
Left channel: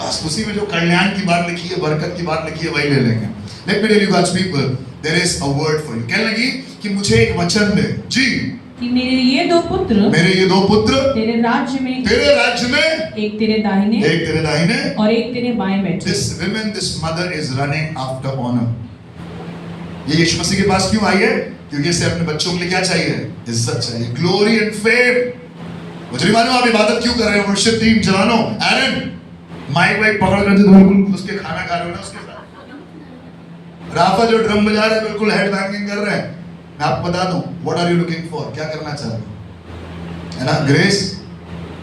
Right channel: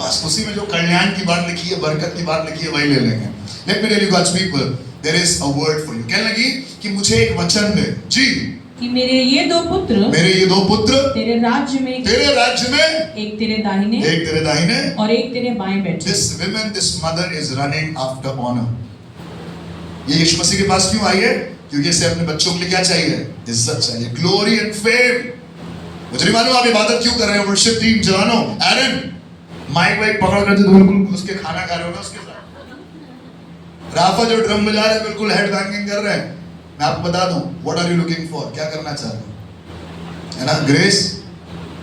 बस उसी में जो कल्याण की बात लिखी है, बरकत की बात लिखी है, वही ले लेंगे। Let me tell you God's people, there is a word for you. कहने लगी कि मुझे एक वचन दे जी, कि मेरे ये 2 पुत्र, मेरे ये 2 पुत्र तेरे राज्य में, एक तेरे दाहिने, एक तेरे दाहिने और एक तेरे बाएं बैठे। This woman, this mother is running after honor. ये यीशु मसीह के पास क्यों आई है? क्योंकि इसे अपने बच्चों के लिए क्या चाहिए? इज्जत चाहिए, ग्लोरी एंड फेम। मुझे नहीं मालूम आप इबादत क्यों कर रहे हो? वर्शिप टीम जवानों, एरन माइक वाइक पकड़ कर जो बिल्कुल घुस के खाना खा रहे हो ना उसके साथ। राफा जो ड्रम बजा रहे हैं, बिल्कुल हेड बैंगिंग कर रहे हैं। मैं आपको बता दूं, what are you looking for? क्या करना चाहते हो? है ना, ग्रेस?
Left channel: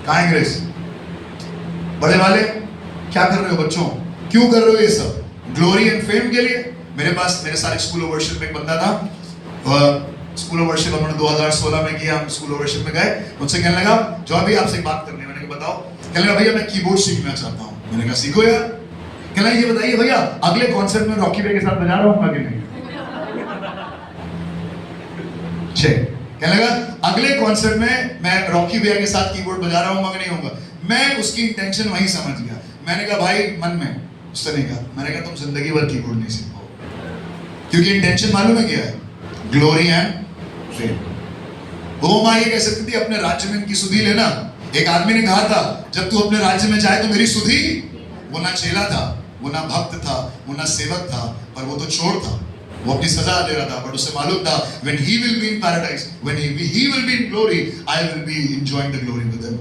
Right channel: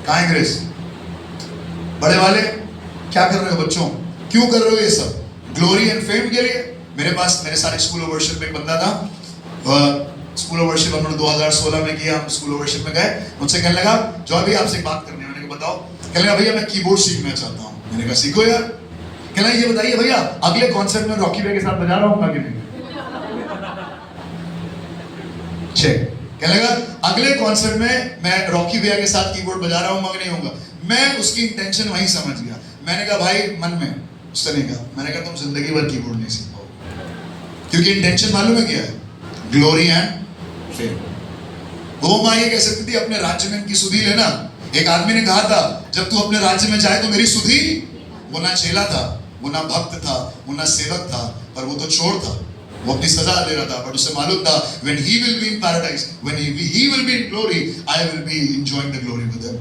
कहाँ है ग्रेस? बड़े वाले क्या कर रहे हो? बच्चों क्यों कर रहे हो ये सब? ग्लोरी एंड फेम के लिए? मेरे पास, मेरे सारे स्कूल ऑफ वर्शिप में एक बंदा था, स्कूल ऑफ वर्शिप हमने 2016 में किया। हम स्कूल ऑफ वर्शिप में गए, मुझसे कहने लगा, जो अभी आपसे बात करनी है। मैंने कहा बताओ। कहने लगा, भैया मैं कीबोर्ड सीखना चाहता हूँ। मैंने कहा सीखो यार। कहने लगा, ये बताइए भैया, अगले कॉन्सर्ट में रॉकी भाई के साथ बजा रहा हूँ कि नहीं? कहने लगा, अगले कॉन्सर्ट में मैं रॉकी भैया के साथ कीबोर्ड बजा रहा हूँ, मगर नहीं होगा। मैं उसकी इंटेंशन वहीं समझ गया। मैंने कहा भाई मन में, उससे नहीं कहा, मैंने कहा तुम जिंदगी भर कीबोर्ड नहीं सीखो, क्योंकि इंटेंशन मालूम है क्या है? Glory and fame. वो माँ ये कह सकती थी, अपने राज्य में इनकी सुधि लेना। एक आदमी ने कहा था, जब तू अपने राज्य में जाए तो मेरी सुधि। वो ना चेला था, वो ना भक्त था, वो ना सेवक था, पर वो तो चोर था। वो अपनी सजा दे रहा था, बट उसे मालूम था when he will be in paradise, when he will be in glory, I will be enjoying the glory with him.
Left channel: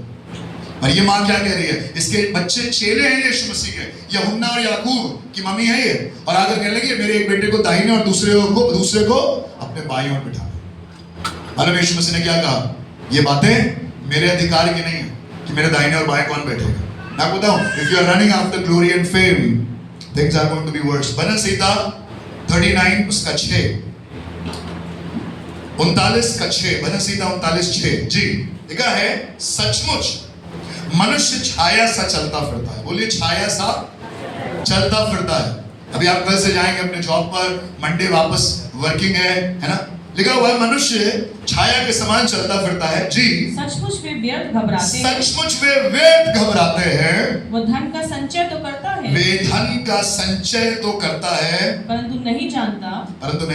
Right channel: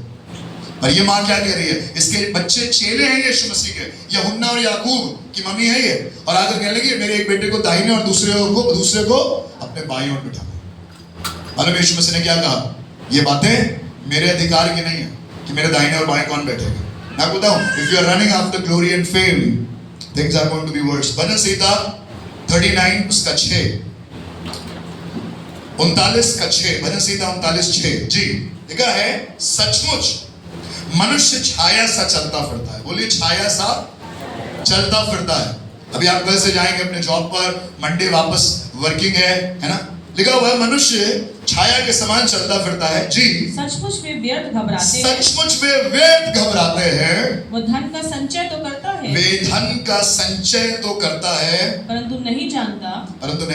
और ये माँ क्या कह रही है? इसके बच्चे चेले हैं यीशु मसीह के, यूहन्ना और याकूब की मम्मी है ये। और आगे कहने लगी, मेरे एक बेटे को दाहिने और दूसरे को अपने बाईं ओर बिठा। मतलब यीशु मसीह ने क्या कहा? ये बातें मेरे अधिकार की नहीं है कि मेरे दाहिने और बाएं कौन बैठेगा। मैं बताऊं, if you are running after glory and fame, things are going to be worse. भजन संहिता 39 उसका 6, 39 का 6, भजन संहिता 39:6 जी लिखा है, सचमुच मनुष्य छाया सा चलता फिरता है। बोलिए, छाया सा चलता फिरता है। अभी आप घर से जाएंगे अपने जॉब पर, मंडे वापस वर्किंग है ना? लिखा हुआ है, मनुष्य छाया के समान चलता फिरता है जी। सचमुच वे व्यर्थ घबराते हैं, सचमुच वे व्यर्थ घबराते हैं। वो धन का संचय तो करता है, वे धन का संचय तो करता है, परंतु नहीं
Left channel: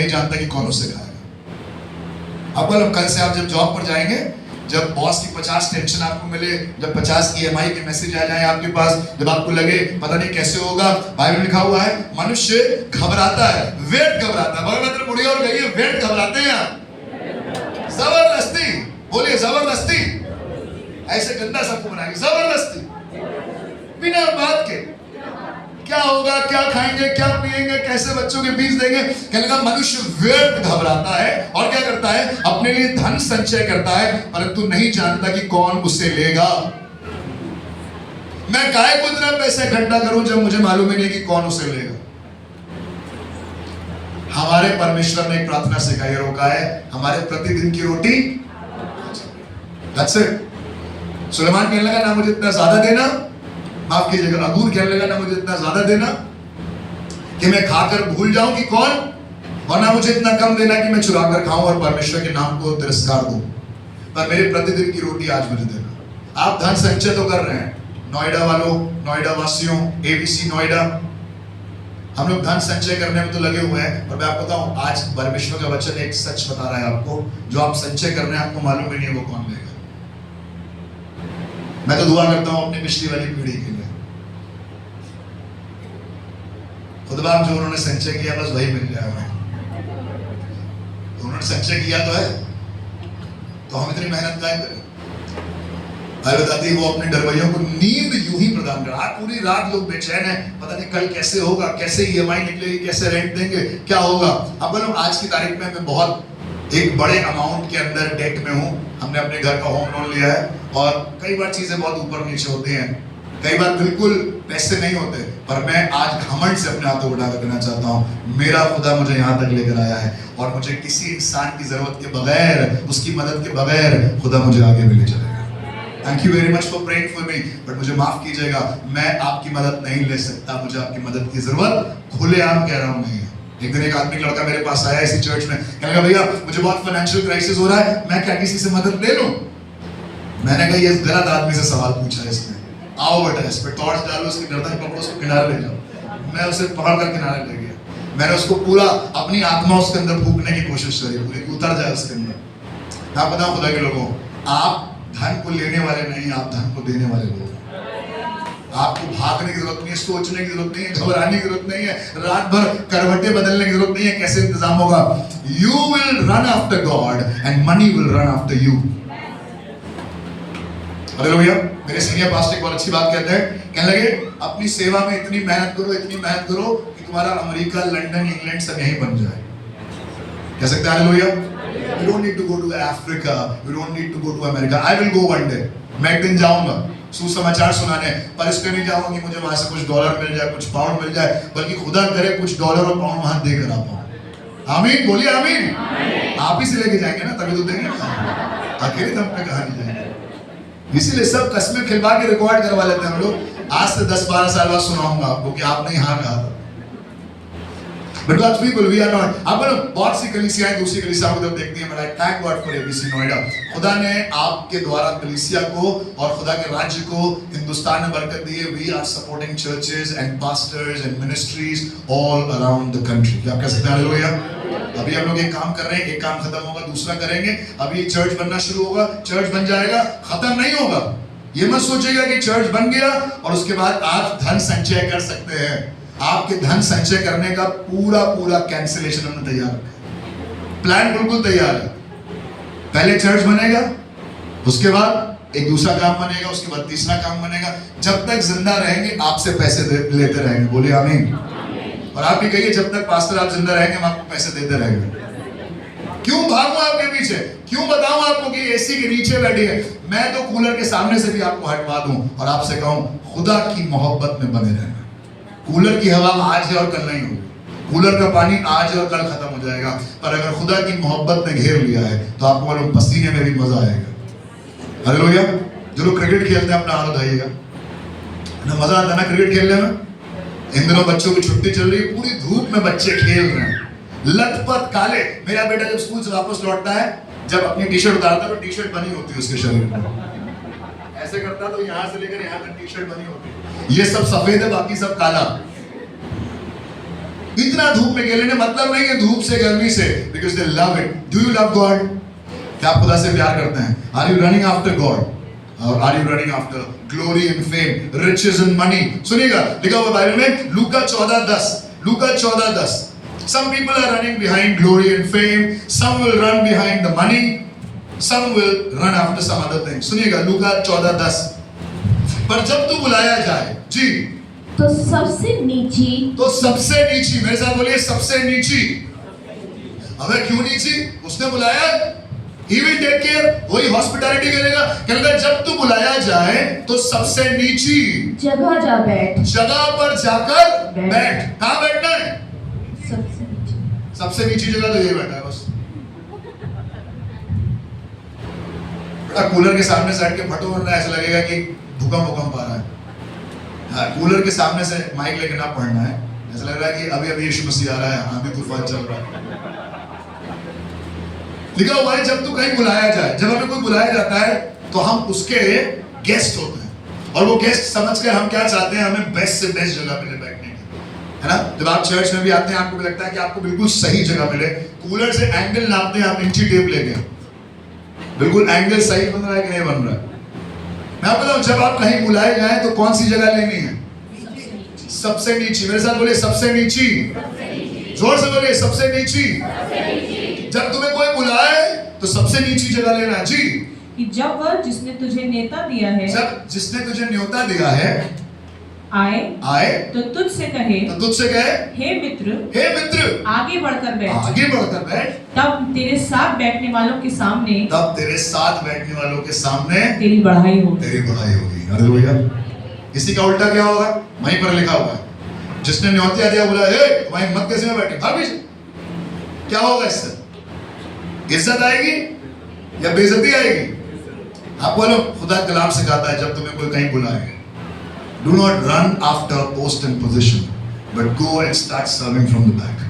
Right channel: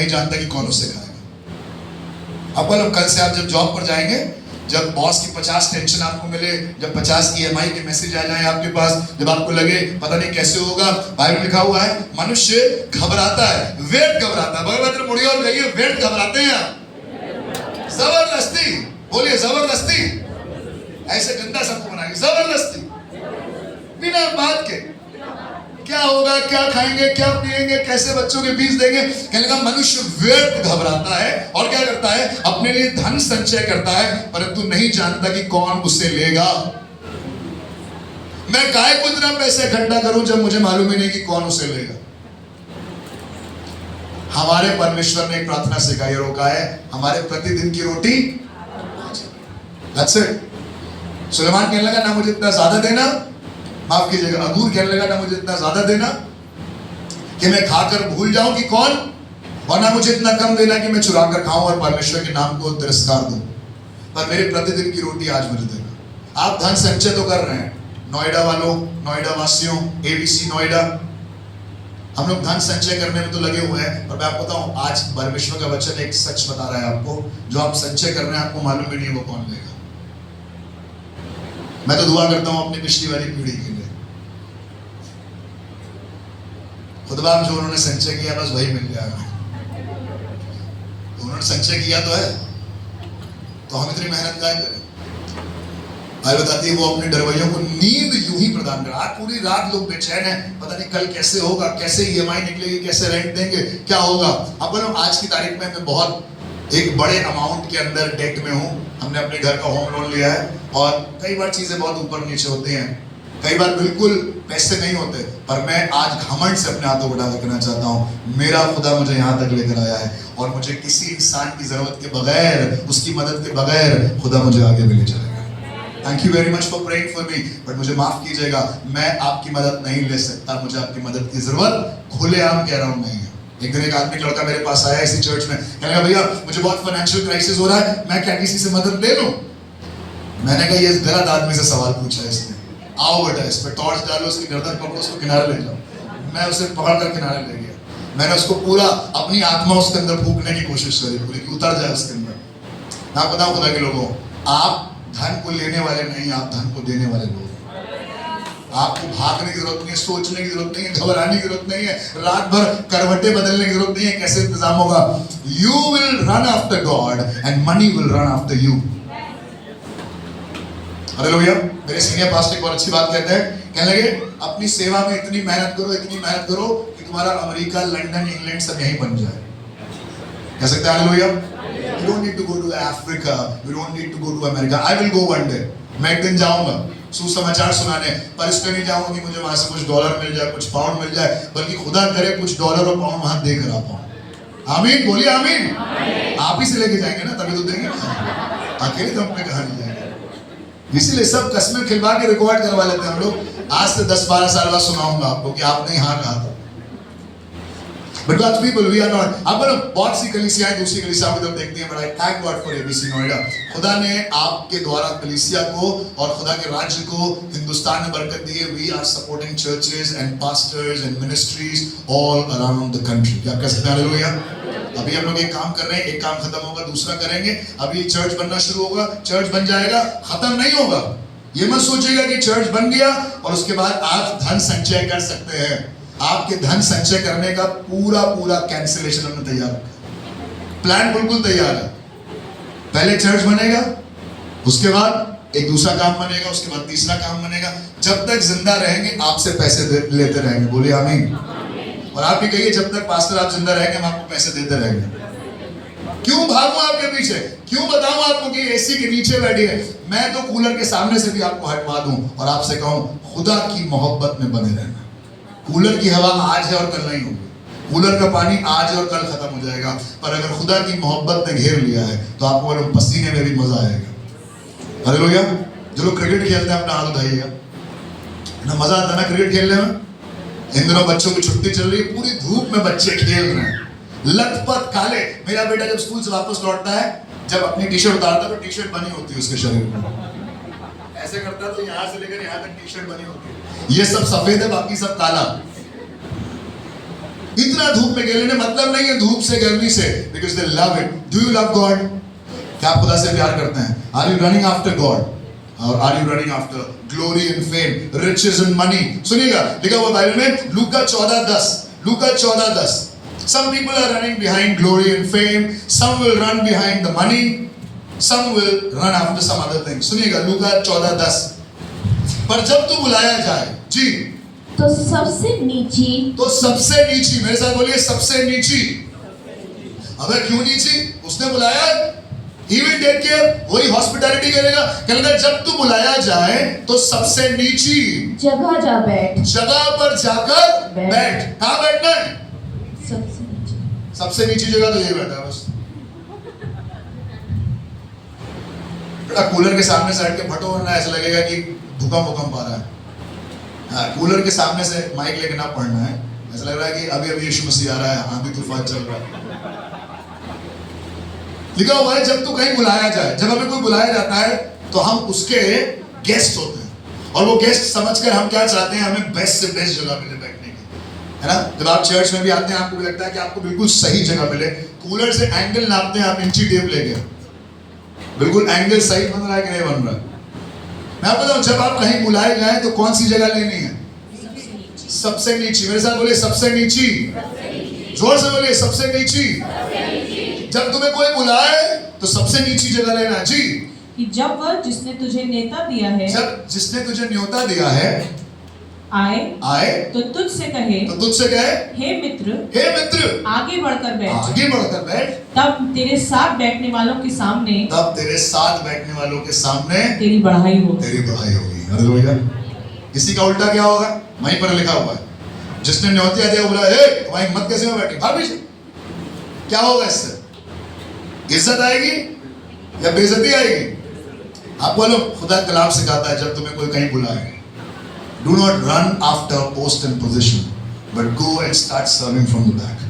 जानता कि कौन उसे खाएगा। अब कल से आप जब जॉब पर जाएंगे जब बॉस की 50 टेंशन आपको मिले, जब 50 EMI के मैसेज आ जाए आपके पास, जब आपको लगे पता नहीं कैसे होगा, बाइबल में लिखा हुआ है मनुष्य घबराता है, वेट घबराता है। भगवत मुड़िए और कहिए वेट घबराते हैं आप। जबरदस्ती बोलिए, जबरदस्ती। ऐसे गंदा सबको बनाएंगे, जबरदस्ती बिना बात के। क्या होगा, क्या खाएंगे, क्या पिएंगे, कैसे बच्चों के फीस देंगे। कहने लगा मनुष्य व्यर्थ घबराता है और क्या करता है, अपने लिए धन संचय करता है, परंतु नहीं जानता कि कौन उससे लेगा। मैं काय को इतना पैसा इकट्ठा करूं जब मुझे मालूम ही नहीं कि कौन उसे लेगा। हमारे परमेश्वर ने एक प्रार्थना सिखाई और कहा है हमारे प्रतिदिन की रोटी। That's it. सुलेमान कहने लगा ना मुझे इतना ज्यादा देना, माफ कीजिएगा अगूर कहने लगा ना मुझे इतना ज्यादा देना कि मैं खाकर भूल जाऊं कि कौन, वरना मुझे इतना कम देना कि मैं चुरा कर खाऊं और परमेश्वर के नाम को तिरस्कार दूं, पर मेरे प्रतिदिन की रोटी आज मुझे देना। आप धन संचय तो कर रहे हैं, नोएडा वालों, नोएडा वासियों, ABC नोएडा, हम लोग धन संचय करने में तो लगे हुए हैं। पर मैं आपको बताऊं आज परमेश्वर का वचन एक सच बता रहा है आपको, जो आप संचय कर रहे हैं आपको मालूम ही नहीं वो कौन लेगा। मैं तो दुआ करता हूं अपनी पिछली वाली पीढ़ी के लिए, खुदा जो उन्होंने संचय किया बस वही मिल जाएगा। उन्होंने संचय किया तो है, तो हम इतनी मेहनत क्या करें। भाई बताती है वो अपने डरवैयों को नींद यूं ही प्रदान कर। आज पूरी रात लोग बेचैन है, पता नहीं कल कैसे होगा, कैसे EMI निकलेगी, कैसे रेंट देंगे, क्या होगा। अब बोलो आज की तारीख में मैं बहुत एक बड़े अमाउंट के अंदर डेट में हूँ। हमने अपने घर का होम लोन लिया है और कई बार चीजें बहुत ऊपर नीचे होती हैं, कई बार बिल्कुल पैसे नहीं होते, पर मैं आज घमंड से अपने हाथों उठा कर कहना चाहता हूँ मेरा खुदा मुझे यहाँ तक लेकर आया है और मुझे किसी इंसान की जरूरत के बगैर, उसकी मदद के बगैर खुदा मुझे आगे भी ले चलेगा। Thank you very much for praying for me, but मुझे माफ कीजिएगा मैं आपकी मदद नहीं ले सकता, मुझे आपकी मदद की जरूरत खुलेआम कह रहा हूँ नहीं है। एक दिन एक आदमी लड़का मेरे पास आया इसी चर्च में, कहने लगा भैया मुझे बहुत फाइनेंशियल क्राइसिस हो रहा है, मैं क्या किसी से मदद ले लूं। मैंने कहा ये गलत आदमी से सवाल पूछा है इसने, आओ बेटा इस पे टॉर्च डालो, उसकी गर्दन पकड़ो, उसको किनारे ले जाओ। मैं उसे पकड़ कर किनारे ले गया, मैंने उसको पूरा अपनी आत्मा उसके अंदर फूंकने की कोशिश करी पूरी, उतर जाए उसके अंदर। मैं बताऊं खुदा के लोगों, आप धन को लेने वाले नहीं, आप धन को देने वाले लोग। आपको भागने की जरूरत नहीं है, सोचने की जरूरत नहीं है, घबराने की जरूरत नहीं है, रात भर करवटें बदलने की जरूरत नहीं है कैसे इंतजाम होगा। You will run after God and money will run after you. Hallelujah. मेरे सीनियर पास्टर बहुत अच्छी बात कहते हैं, कहने लगे अपनी सेवा में इतनी मेहनत करो, इतनी मेहनत करो कि तुम्हारा अमेरिका, लंदन, इंग्लैंड सब यहीं बन जाए। कह सकते हैं hallelujah. You don't need to go to Africa, you don't need to go to America. I will go one day. मैं एक दिन जाऊंगा सुसमाचार सुनाने, पर इसलिए नहीं जाऊंगा कि मुझे वहां से कुछ डॉलर मिल जाए, कुछ पाउंड मिल जाए, बल्कि खुदा करे कुछ डॉलर और पाउंड वहां देकर आ पाऊं। आमीन बोलिए आमीन। आप ही से लेके जाएंगे ना तभी तो देंगे, अकेले दम पे कहां ले जाएंगे। इसीलिए सब कस्में खिलवा के रिकॉर्ड करवा लेते हैं हम लोग। आज से 10-12 साल बाद सुनाऊंगा आपको कि आपने यहाँ कहा था। But God's people, we are not. आप बोलो बहुत सी कलीसियाएं दूसरी कलीसिया को जब देखती हैं, but I thank God for ABC Noida. खुदा ने आपके द्वारा कलीसिया को और खुदा के राज्य को हिंदुस्तान में बरकत दी है। We are supporting churches and pastors and ministries all around the country। क्या आप कह सकते हैं हालेलुया। अभी हम लोग एक काम कर रहे हैं, एक काम खत्म होगा दूसरा करेंगे। अभी चर्च बनना शुरू होगा, चर्च बन जाएगा, खत्म नहीं होगा। ये मत सोचिएगा कि चर्च बन गया और उसके बाद आप धन संचय कर सकते हैं। आपके धन संचय करने का पूरा कैंसिलेशन हमने तैयार रखा, प्लान बिल्कुल तैयार है। पहले चर्च बनेगा, उसके बाद एक दूसरा काम बनेगा, उसके बाद तीसरा काम बनेगा। जब तक जिंदा रहेंगे आपसे पैसे लेते रहेंगे। बोलिए आमीन। और आप भी कहिए जब तक पास्टर आप जिंदा रहेंगे हम आपको पैसे देते रहेंगे। क्यों भागूं आपके पीछे, क्यों बताऊं आपको कि एसी के नीचे बैठी है, मैं तो कूलर के सामने से भी आपको हटवा दूं और आपसे कहूं खुदा की मोहब्बत में बने रहना। कूलर की हवा आज है और कल नहीं होगी, कूलर का पानी आज है और कल खत्म हो जाएगा, पर अगर खुदा की मोहब्बत ने घेर लिया है तो आपको वाले पसीने में भी मजा आएगा। हालेलुया। जो लोग क्रिकेट खेलते हैं अपना हाथ उठाइएगा ना, मजा आता है ना क्रिकेट खेलने में। इन दिनों बच्चों की छुट्टी चल रही है, पूरी धूप में बच्चे खेल रहे हैं, लथपथ काले। मेरा बेटा जब स्कूल से वापस लौटता है, जब अपनी टी शर्ट उतारता है तो टी शर्ट बनी होती है उसके शरीर में, ऐसे करता तो यहाँ से लेकर यहाँ तक टी शर्ट बनी होती है। ये सब सफेद है, बाकी सब काला। इतना धूप में खेलने मतलब नहीं है, धूप से गर्मी से, because they love it. Do you love God? क्या आप खुदा से प्यार करते हैं? Are you running after God और are you running after glory and fame, riches and money? सुनिएगा, लिखा हुआ बाइबल में लूका 14:10, लूका 14:10। Some people are running behind glory and fame, some will run behind the money, some will run after some other things. सुनिएगा, लूका 14:10। पर जब तू बुलाया जाए, जी, तो सबसे नीची, तो सबसे नीची, मेरे साथ बोलिए, सबसे नीची। अबे क्यों नीची? उसने बुलाया, he will take care, वही हॉस्पिटैलिटी करेगा। कहता जब तू बुलाया जाए तो सबसे नीची जगह जा बैठ, जगह पर जाकर बैठ। कहाँ बैठना है? सबसे नीची। सबसे नीची जगह तो यही बैठा है बस। बड़ा कूलर के सामने से हट के फटो, वरना ऐसा लगेगा कि भूकंप आ रहा है। हाँ, कूलर के सामने से माइक लेके ना पढ़ना है, ऐसा लग रहा है कि अभी अभी यीशु मसीह आ रहा है, हाँ भी तूफान चल रहा है। लिखा हुआ है जब तू कहीं बुलाया जाए, जब हमें कोई बुलाया जाता है तो हम उसके गेस्ट होते हैं, और वो गेस्ट समझकर हम क्या चाहते हैं, हमें बेस्ट से बेस्ट जगह मिले बैठने की, है ना? जब आप चर्च में भी आते हैं आपको भी लगता है कि आपको बिल्कुल सही जगह मिले। कूलर से एंगल नापते हैं, आप इंची टेप ले गए, बिल्कुल एंगल सही बन रहा है कि नहीं बन रहा है। मैं आपको बताऊं, जब आप कहीं बुलाए जाए तो कौन सी जगह लेनी है? सबसे नीची। मेरे साथ बोलिए, सबसे नीची। जोर से बोलिए, सबसे नीची। जब तुम्हें कोई बुलाए तो सबसे नीची जगह लेना। जी, कि जब वह जिसने तुझे नेता दिया है, जब जिसने तुझे न्योता दिया है आए तो तुझसे कहे, हे मित्र, आगे बढ़कर बैठ, आगे बढ़कर बैठ। तब तेरे साथ बैठने वालों के सामने, तब तेरे साथ बैठने वालों के सामने तेरी बढ़ाई होगी। हालेलुया। इसी का उल्टा क्या होगा? वहीं पर लिखा हुआ है, जिसने न्योता दिया बोला, हे तुम्हारी हिम्मत कैसे में बैठी? भाभी क्या होगा इससे? इज्जत आएगी या बेइज्जती आएगी? आप बोलो, खुदा कलाम सिखाता है जब तुम्हें कोई कहीं बुलाए, do not run after post and position, but go and start serving from the back.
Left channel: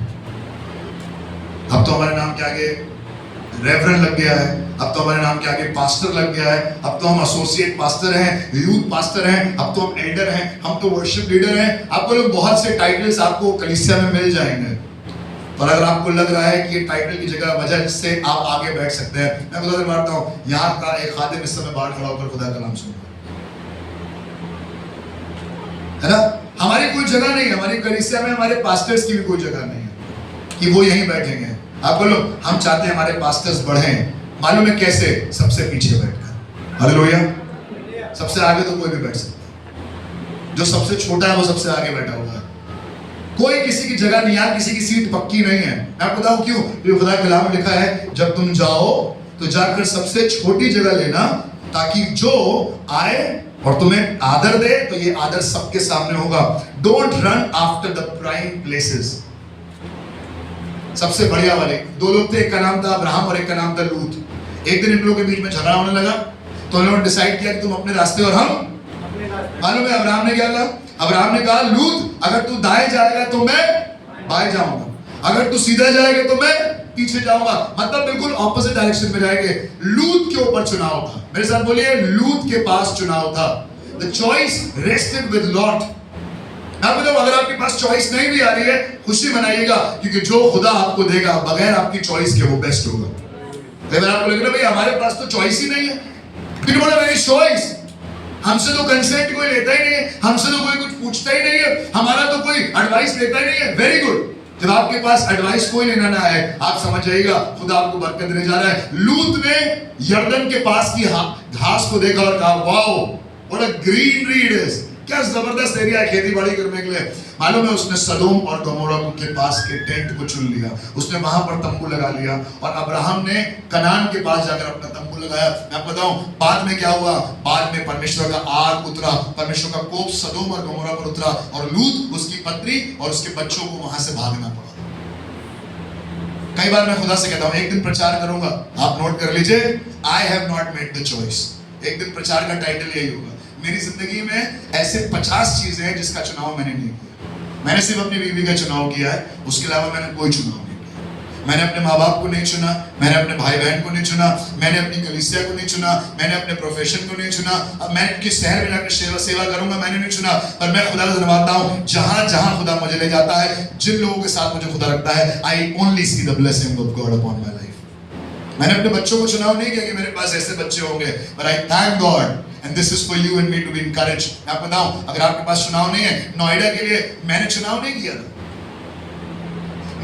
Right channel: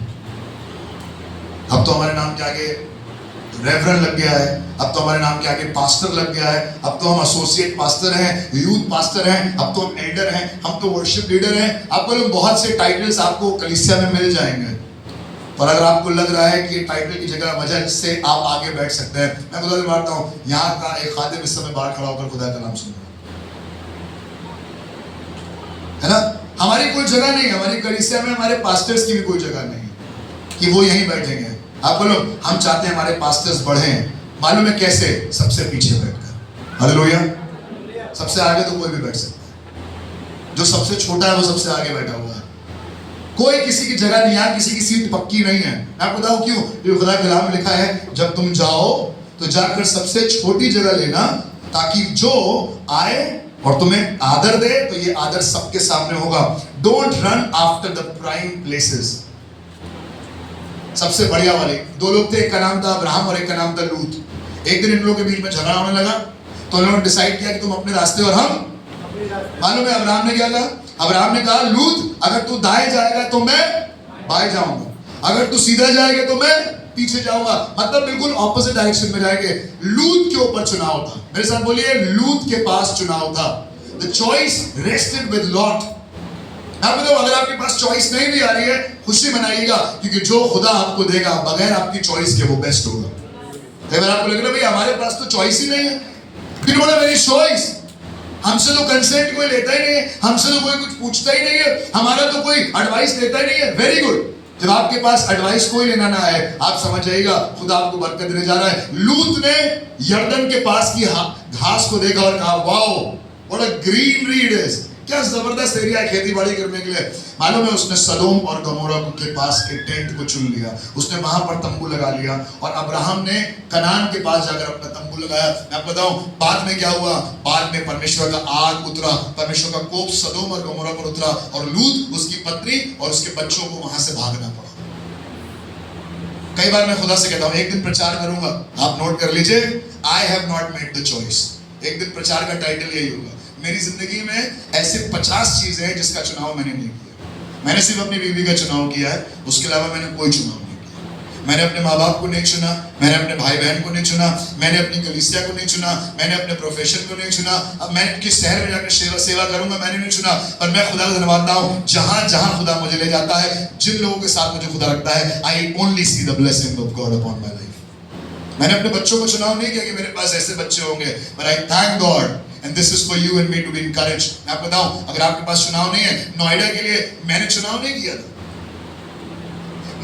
अब तो हमारे नाम के आगे रेवरेंड लग गया है, अब तो हमारे नाम के आगे पास्टर लग गया है, अब तो हम एसोसिएट पास्टर हैं, यूथ पास्टर हैं, अब तो हम एल्डर हैं, हम तो वर्शिप लीडर हैं। आपको लोग बहुत से टाइटल्स आपको कलीसिया में मिल जाएंगे, और अगर आपको लग रहा है कि ये टाइटल की जगह वजह से आप आगे बैठ सकते हैं, मैं खुदा से मानता हूँ, यहाँ का एक खादिम इस समय बाहर खड़ा होकर खुदा का नाम सुन रहा है ना? हमारी कोई जगह नहीं है, हमारी कलीसिया में हमारे पास्टर्स की भी कोई जगह नहीं है कि वो यहीं बैठेंगे। आप बोलो, हम चाहते हैं हमारे पास्टर्स बढ़ें। मालूम है कैसे? सबसे पीछे बैठकर। हालेलुया। सबसे आगे तो कोई भी बैठ सकता है, जो सबसे छोटा है वो सबसे आगे बैठा हुआ है। कोई किसी की जगह नहीं है, किसी की सीट पक्की नहीं है। मैं आपको बताऊं क्यों? ये खुदा के कलाम में लिखा है, जब तुम जाओ तो जाकर सबसे छोटी जगह लेना, ताकि जो आए और तुम्हें आदर दे तो ये आदर सबके सामने होगा। Don't run after the prime places. सबसे बढ़िया वाले दो लोग थे, एक का नाम था अब्राहम और एक का नाम था लूत। एक दिन इन लोगों के बीच में झगड़ा होने लगा, तो उन्होंने डिसाइड किया कि तुम अपने रास्ते और हम। मालूम है अब्राहम ने क्या कहा? अब्राहम ने कहा, लूत अगर तू दाएं जाएगा तो मैं बाएं जाऊंगा, अगर तू सीधा जाएगा तो मैं पीछे जाऊंगा। मतलब बिल्कुल ऑपोजिट डायरेक्शन में जाएंगे। लूत के ऊपर चुनाव था। मेरे साथ बोलिए, लूत के पास चुनाव था। The choice rested with Lot. अगर आपके पास चॉइस नहीं भी आ रही है, खुशी मनाइएगा, क्योंकि जो खुदा आपको देगा बगैर आपकी चॉइस के वो बेस्ट होगा। अगर आपको लग रहा है भाई हमारे पास तो चॉइस ही नहीं है, फिर बोला मेरी चॉइस, हमसे तो कंसेंट कोई लेता ही नहीं है, हमसे तो कोई कुछ पूछता ही नहीं है, हमारा तो कोई एडवाइस लेता ही नहीं है। Very good. जब आपके पास एडवाइस कोई लेना ना है, आप समझ जाइएगा खुदा आपको बरकत देने जा रहा है। लूत ने यर्दन के पास की घास को देखा और कहा, wow what a greenery it is. क्या जबरदस्त एरिया है खेती बाड़ी करने के लिए। मालूम है उसने सदोम और गमोरा के पास के टेंट को चुन लिया, उसने वहां पर तंबू लगा लिया, और अब्राहम ने कनान के पास जाकर अपना तंबू लगाया। मैं आपको बताऊं बाद में क्या हुआ? बाद में परमेश्वर का आग उतरा, परमेश्वर का कोप सदोम और गमोरा पर उतरा, और लूत, उसकी पत्नी और उसके बच्चों को वहां से भागना पड़ा। कई बार मैं खुदा से कहता हूं, एक दिन प्रचार करूंगा, आप नोट कर लीजिए, I have not made the choice. एक दिन प्रचार का टाइटल यही होगा। मेरी जिंदगी में ऐसे 50 चीजें हैं जिसका चुनाव मैंने नहीं किया। मैंने सिर्फ अपनी बीवी का चुनाव किया है, उसके अलावा मैंने कोई चुनाव नहीं किया। मैंने अपने माँ बाप को नहीं चुना, मैंने अपने भाई बहन को नहीं चुना, मैंने अपनी कलीसिया को नहीं चुना, मैंने अपने प्रोफेशन को नहीं चुना। अब मैं किस शहर में जाकर सेवा करूंगा मैंने नहीं चुना, पर मैं खुदा का धन्यवाद हूं, जहां जहां खुदा मुझे ले जाता है, जिन लोगों के साथ मुझे खुदा रखता है, I only see the blessing of God upon my life. मैंने अपने बच्चों को चुनाव नहीं किया कि मेरे पास ऐसे बच्चे होंगे, but I thank God and this is for you and me to be encouraged. मैं आपको बताऊं, अगर आपके पास चुनाव नहीं है, नोएडा के लिए मैंने चुनाव नहीं किया था।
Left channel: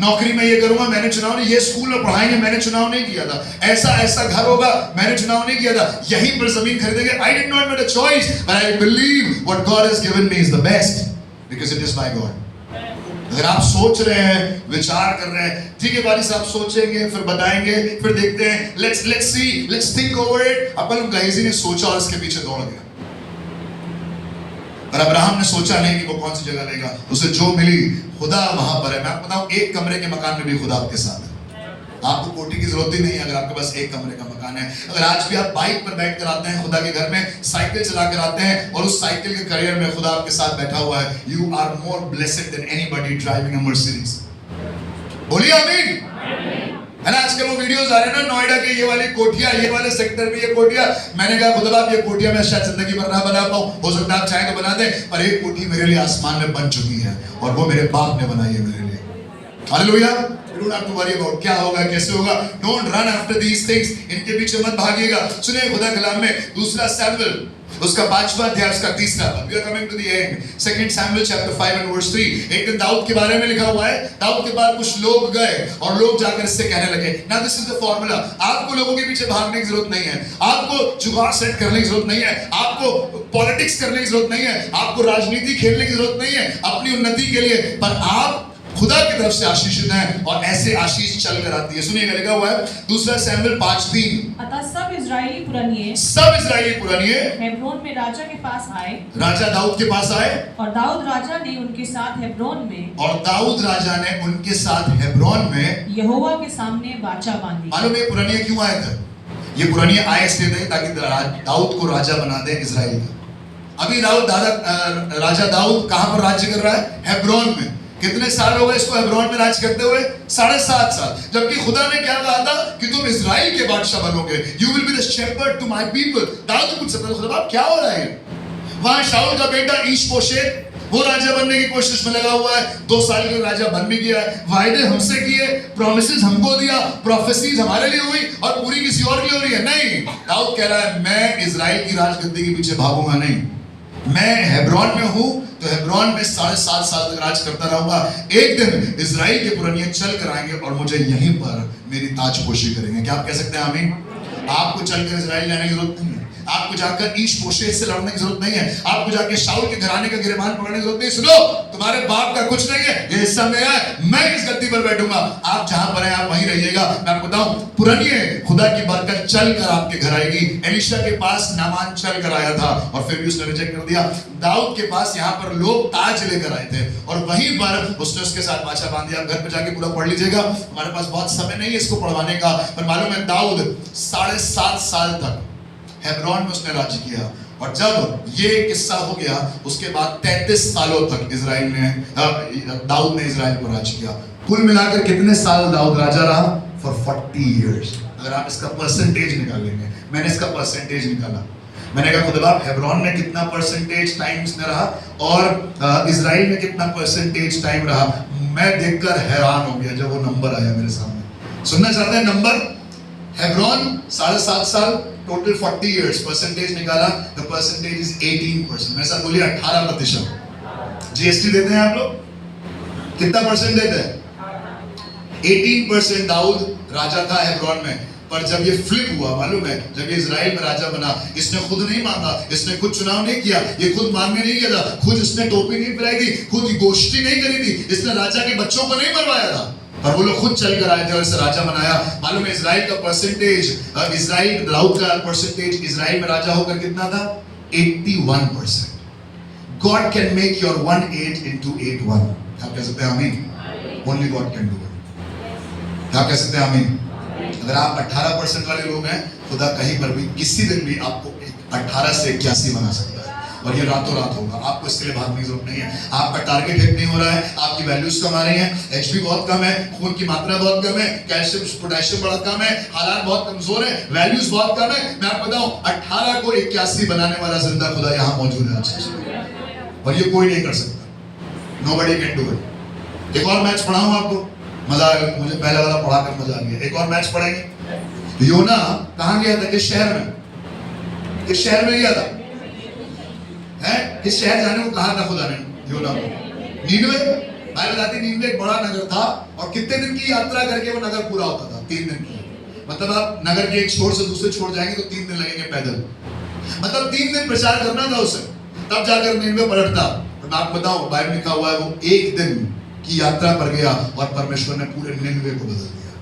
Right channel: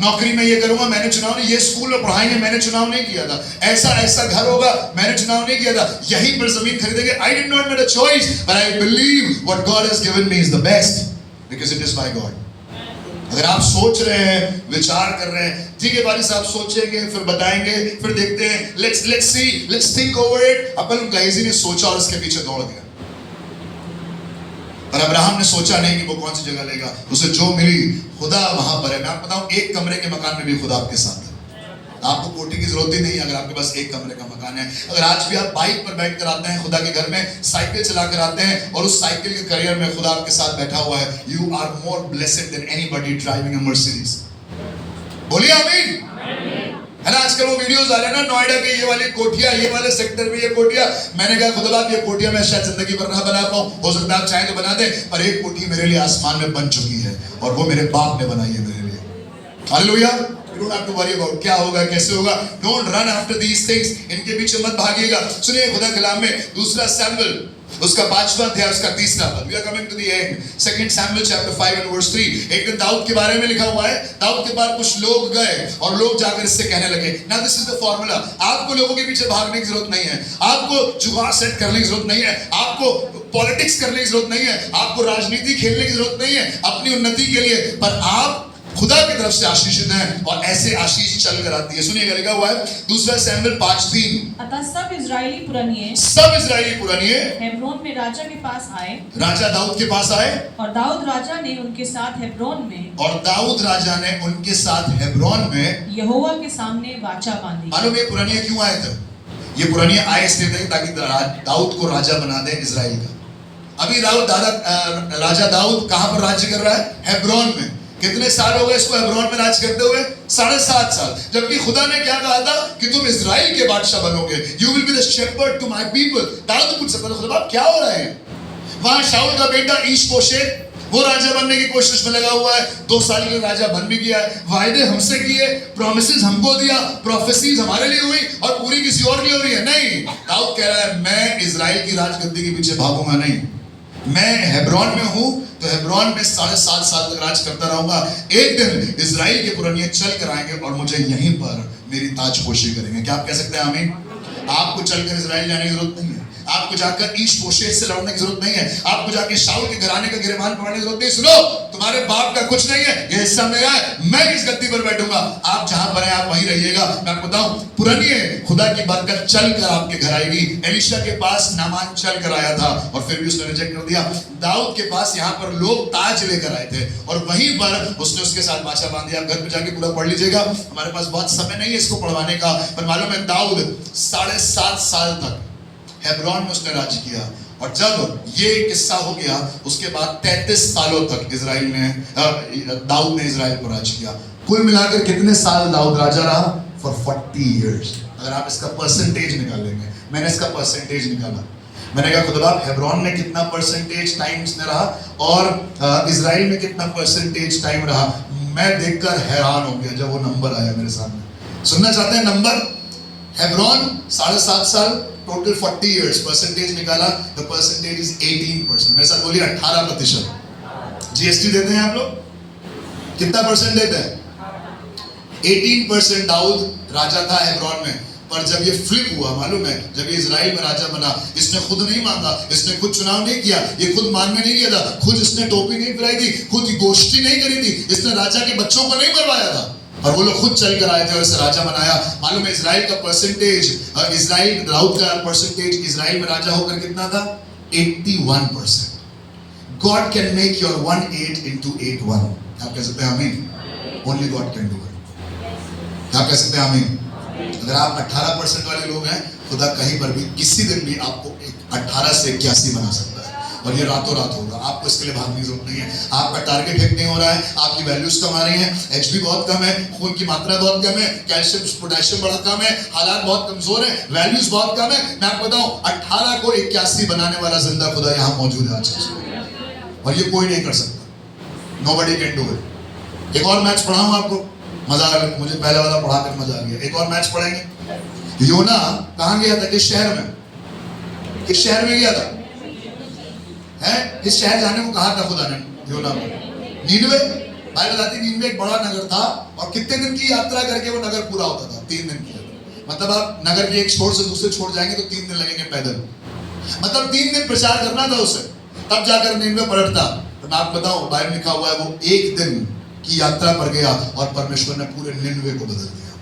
नौकरी में ये करूंगा मैंने चुनाव नहीं, ये स्कूल में पढ़ाएंगे मैंने चुनाव नहीं किया था, ऐसा ऐसा घर होगा मैंने चुनाव नहीं किया था, यहीं पर जमीन खरीदेंगे, I did not make a choice, but I believe what God has given me is the best because it is by God. अगर आप सोच रहे हैं, विचार कर रहे हैं, ठीक है बारी साहब सोचेंगे, फिर बताएंगे, फिर देखते हैं, let's see, let's think over it। अपन गहेजी ने सोचा और इसके पीछे दौड़ दिया। पर अब्राहम ने सोचा नहीं कि वो कौन सी जगह लेगा, उसे जो मिली खुदा वहां पर है। मैं आपको बताऊं, एक कमरे के मकान में भी खुदा आपके साथ है। आपको कोठी की जरूरत ही नहीं है अगर आपके पास एक कमरे का मकान है। अगर आज भी आप बाइक पर बैठ कर आते हैं खुदा के घर में, साइकिल चला कर आते हैं और उस साइकिल के करियर में खुदा आपके साथ बैठा हुआ है, you are more blessed than anybody driving a Mercedes. बोलिए आमीन। है ना, आजकल वो वीडियोस आ रहे हैं ना, नोएडा के ये वाली कोठियां, ये वाले सेक्टर में ये कोठियां। मैंने कहा खुदा आप ये कोठियां मैं शायद जिंदगी भर ना बना पाऊं, हो सकता है आप चाहें तो बना दें, पर एक कोठी मेरे लिए आसमान में बन चुकी है और वो मेरे बाप ने बनाई है मेरे लिए। Hallelujah. You don't have to worry about क्या होगा कैसे होगा। Don't run after these things, इनके पीछे मत भागिएगा। सुनिए खुदा कलाम में दूसरा सैमुएल उसका 5वां अध्याय उसका 3रा पद। We are coming to the end. 2 Samuel chapter 5 and verse 3। एक दिन दाऊद के बारे में लिखा हुआ है, दाऊद के पास कुछ लोग गए और लोग जाकर इससे कहने लगे, now this is the formula, आपको लोगों के पीछे भागने की जरूरत नहीं है, आपको जुगाड़ सेट करने की जरूरत नहीं है, आपको पॉलिटिक्स करने की जरूरत नहीं है, आपको राजनीति खेलने की जरूरत नहीं है अपनी उन्नति के लिए, पर आप खुदा की तरफ से आशीषित हैं और ऐसे आशीष चल कर आती है। सुनिएगा लिखा हुआ है 2 सैमुएल 5:3। अतः सब इजरायली पुरानिये हेब्रोन में राजा के पास आए, राजा दाऊद के पास आए, और दाऊद राजा ने उनके साथ हेब्रोन में यहोवा के सामने वाचा बांधी। मालूम ये पुरानिये क्यों आए थे? ये पुरानिये आए इसलिए थे ताकि दाऊद को राजा बना दे इजराइल का। अभी राजा दाऊद कहां पर राज्य कर रहा है? हेब्रोन में। कितने साल हो गए इसको हेब्रोन में राज करते हुए? 7.5 साल। जबकि खुदा ने क्या कहा था कि तुम इजराइल के बादशाह बनोगे, you will be the shepherd to my people. Dawood पूछ सकता है खुदा क्या हो रहा है? वहां शाऊल का बेटा ईश-बोशेत वो राजा बनने की कोशिश में लगा हुआ है, 2 साल के राजा बन भी गया है, वायदे हमसे किए, प्रोमिसेस हमको दिया, प्रोफेसीज हमारे लिए हुई और पूरी किसी और के लिए हो रही है। नहीं, दाऊद कह रहा है मैं इजराइल की राजगद्दी के पीछे भागूंगा नहीं, मैं हेब्रोन में हूं तो हेब्रोन में 7.5 साल तक राज करता रहूंगा। एक दिन इजराइल के पुरानिये चल कर आएंगे और मुझे यहीं पर मेरी ताजपोशी करेंगे। क्या आप कह सकते हैं आमीन? आपको चलकर इजराइल जाने की जरूरत नहीं है, आपको जाकर ईश-बोशेत से लड़ने की जरूरत नहीं है, आपको जाकर शाऊल के घराने का गिरबान पकड़ने की जरूरत नहीं। सुनो, तुम्हारे बाप का कुछ नहीं है, ये हिस्सा मेरा है, मैं किस गद्दी पर बैठूंगा, आप जहां पर हैं आप वहीं रहिएगा। मैं आपको बताऊं, पुरानिये खुदा की बरकत चल कर आपके घर आएगी। एलीशा के पास नामान चल कर आया था और फिर भी उसने रिजेक्ट कर दिया। दाऊद के पास यहाँ पर लोग ताज लेकर आए थे और वहीं पर उसने उसके साथ वाचा बांध दिया। घर पे जाके पूरा पढ़ लीजिएगा, हमारे पास बहुत समय नहीं है इसको पढ़वाने का, पर मालूम है दाऊद 7.5 साल तक हेब्रोन में उसने राज्य किया और जब ये किस्सा हो गया उसके बाद 33 सालों तक दाऊद ने इजराइल को राज्य किया। कुल मिलाकर कितने साल दाऊद राजा रहा? For 40 years. अगर आप इसका परसेंटेज निकालेंगे, मैंने इसका परसेंटेज निकाला, मैंने कहा खुदा हेब्रोन में कितना परसेंटेज टाइम इसने रहा और इजराइल में कितना परसेंटेज टाइम रहा। मैं देखकर हैरान हो गया जब वो नंबर आया मेरे सामने। सुनना चाहते हैं नंबर? हेब्रोन 7.5 साल, टोटल 40 इयर्स, परसेंटेज निकाला, द परसेंटेज इज 18%। मेरे साथ बोलिए 18%। जीएसटी देते हैं आप लोग? कितना परसेंट देते हैं? 18% दाऊद राजा था हेब्रोन में। पर जब ये फ्लिप हुआ, मालूम है, जब ये इजराइल में राजा बना, इसने खुद नहीं मांगा, इसने खुद चुनाव नहीं किया, ये खुद मांग में नहीं गया था, खुद इसने टोपी नहीं पहनाई थी, खुद गोष्ठी नहीं करी थी, इसने राजा के बच्चों को नहीं मरवाया था, और वो लोग खुद चल कर आए थे और इसे राजा बनाया। मालूम है इजराइल का परसेंटेज, इजराइल दाऊद का परसेंटेज इजराइल में राजा होकर कितना था? 81%। God can make your 1.8 into 8.1। आप कह सकते हैं आमीन? Only God can do it। क्या कह सकते हैं आमीन? अगर आप 18% वाले लोग हैं, खुदा कहीं पर भी किसी दिन भी आपको 18 से 81 बना सकता है और ये रातों रात होगा। आपको इसके लिए भागने की जरूरत नहीं है। आपका टारगेट हिट नहीं हो रहा है, आपकी वैल्यूज कम आ रही हैं, एचबी बहुत कम है, खून की मात्रा बहुत कम है, कैल्शियम पोटेशियम बहुत कम है, हालात बहुत कमजोर है, वैल्यूज बहुत कम है। मैं आपको बताऊं 18 को 81 बनाने वाला जिंदा खुदा यहाँ मौजूद है आज, और ये कोई नहीं कर सकता। Nobody can do it। एक और मैच पढ़ाऊं आपको, मजा आ गया मुझे, पहला वाला पढ़ाकर मजा आ गया। एक और मैच पढ़ेंगे योना कहां गया था? किस शहर में? किस शहर में गया था? किस शहर जाने को कहा था खुदा ने योना को? नीनवे। बाइबल बताती है नीनवे एक बड़ा नगर था और कितने दिन की यात्रा करके वो नगर पूरा होता था? 3 दिन की। मतलब आप नगर के एक छोर से दूसरे छोर जाएंगे तो 3 दिन लगेंगे पैदल। मतलब 3 दिन प्रचार करना था उसे, तब जाकर नीनवे पलटता। तो मैं आपको बताऊं, बाइबल लिखा हुआ है वो 1 दिन की यात्रा पर गया और परमेश्वर ने पूरे निनवे को बदल दिया।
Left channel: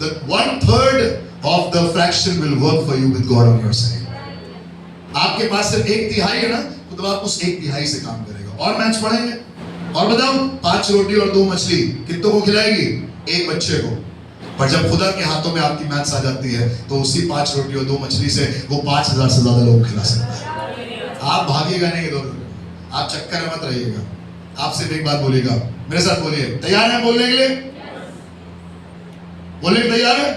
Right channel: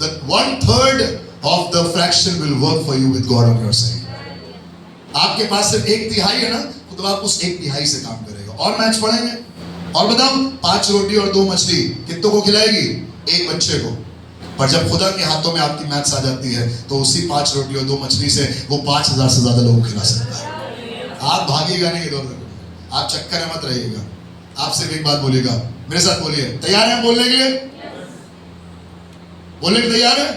The 1/3 of the fraction will work for you with God on your side. आपके पास सिर्फ 1/3 है ना, तो आप उस 1/3 से काम करेगा। और मैच पढ़ेंगे और बताओ, 5 रोटी और 2 मछली कितनों को खिलाएगी? 1 बच्चे को। पर जब खुदा के हाथों में आपकी मैथ्स आ जाती है तो उसी 5 रोटी और 2 मछली से वो 5000 से ज्यादा लोग खिला सकता है। आप भागिएगा नहीं इधर उधर, आप चक्कर में मत रहिएगा। आप सिर्फ एक बात बोलिएगा, मेरे साथ बोलिए, तैयार हैं बोलने के लिए? बोलने के तैयार है?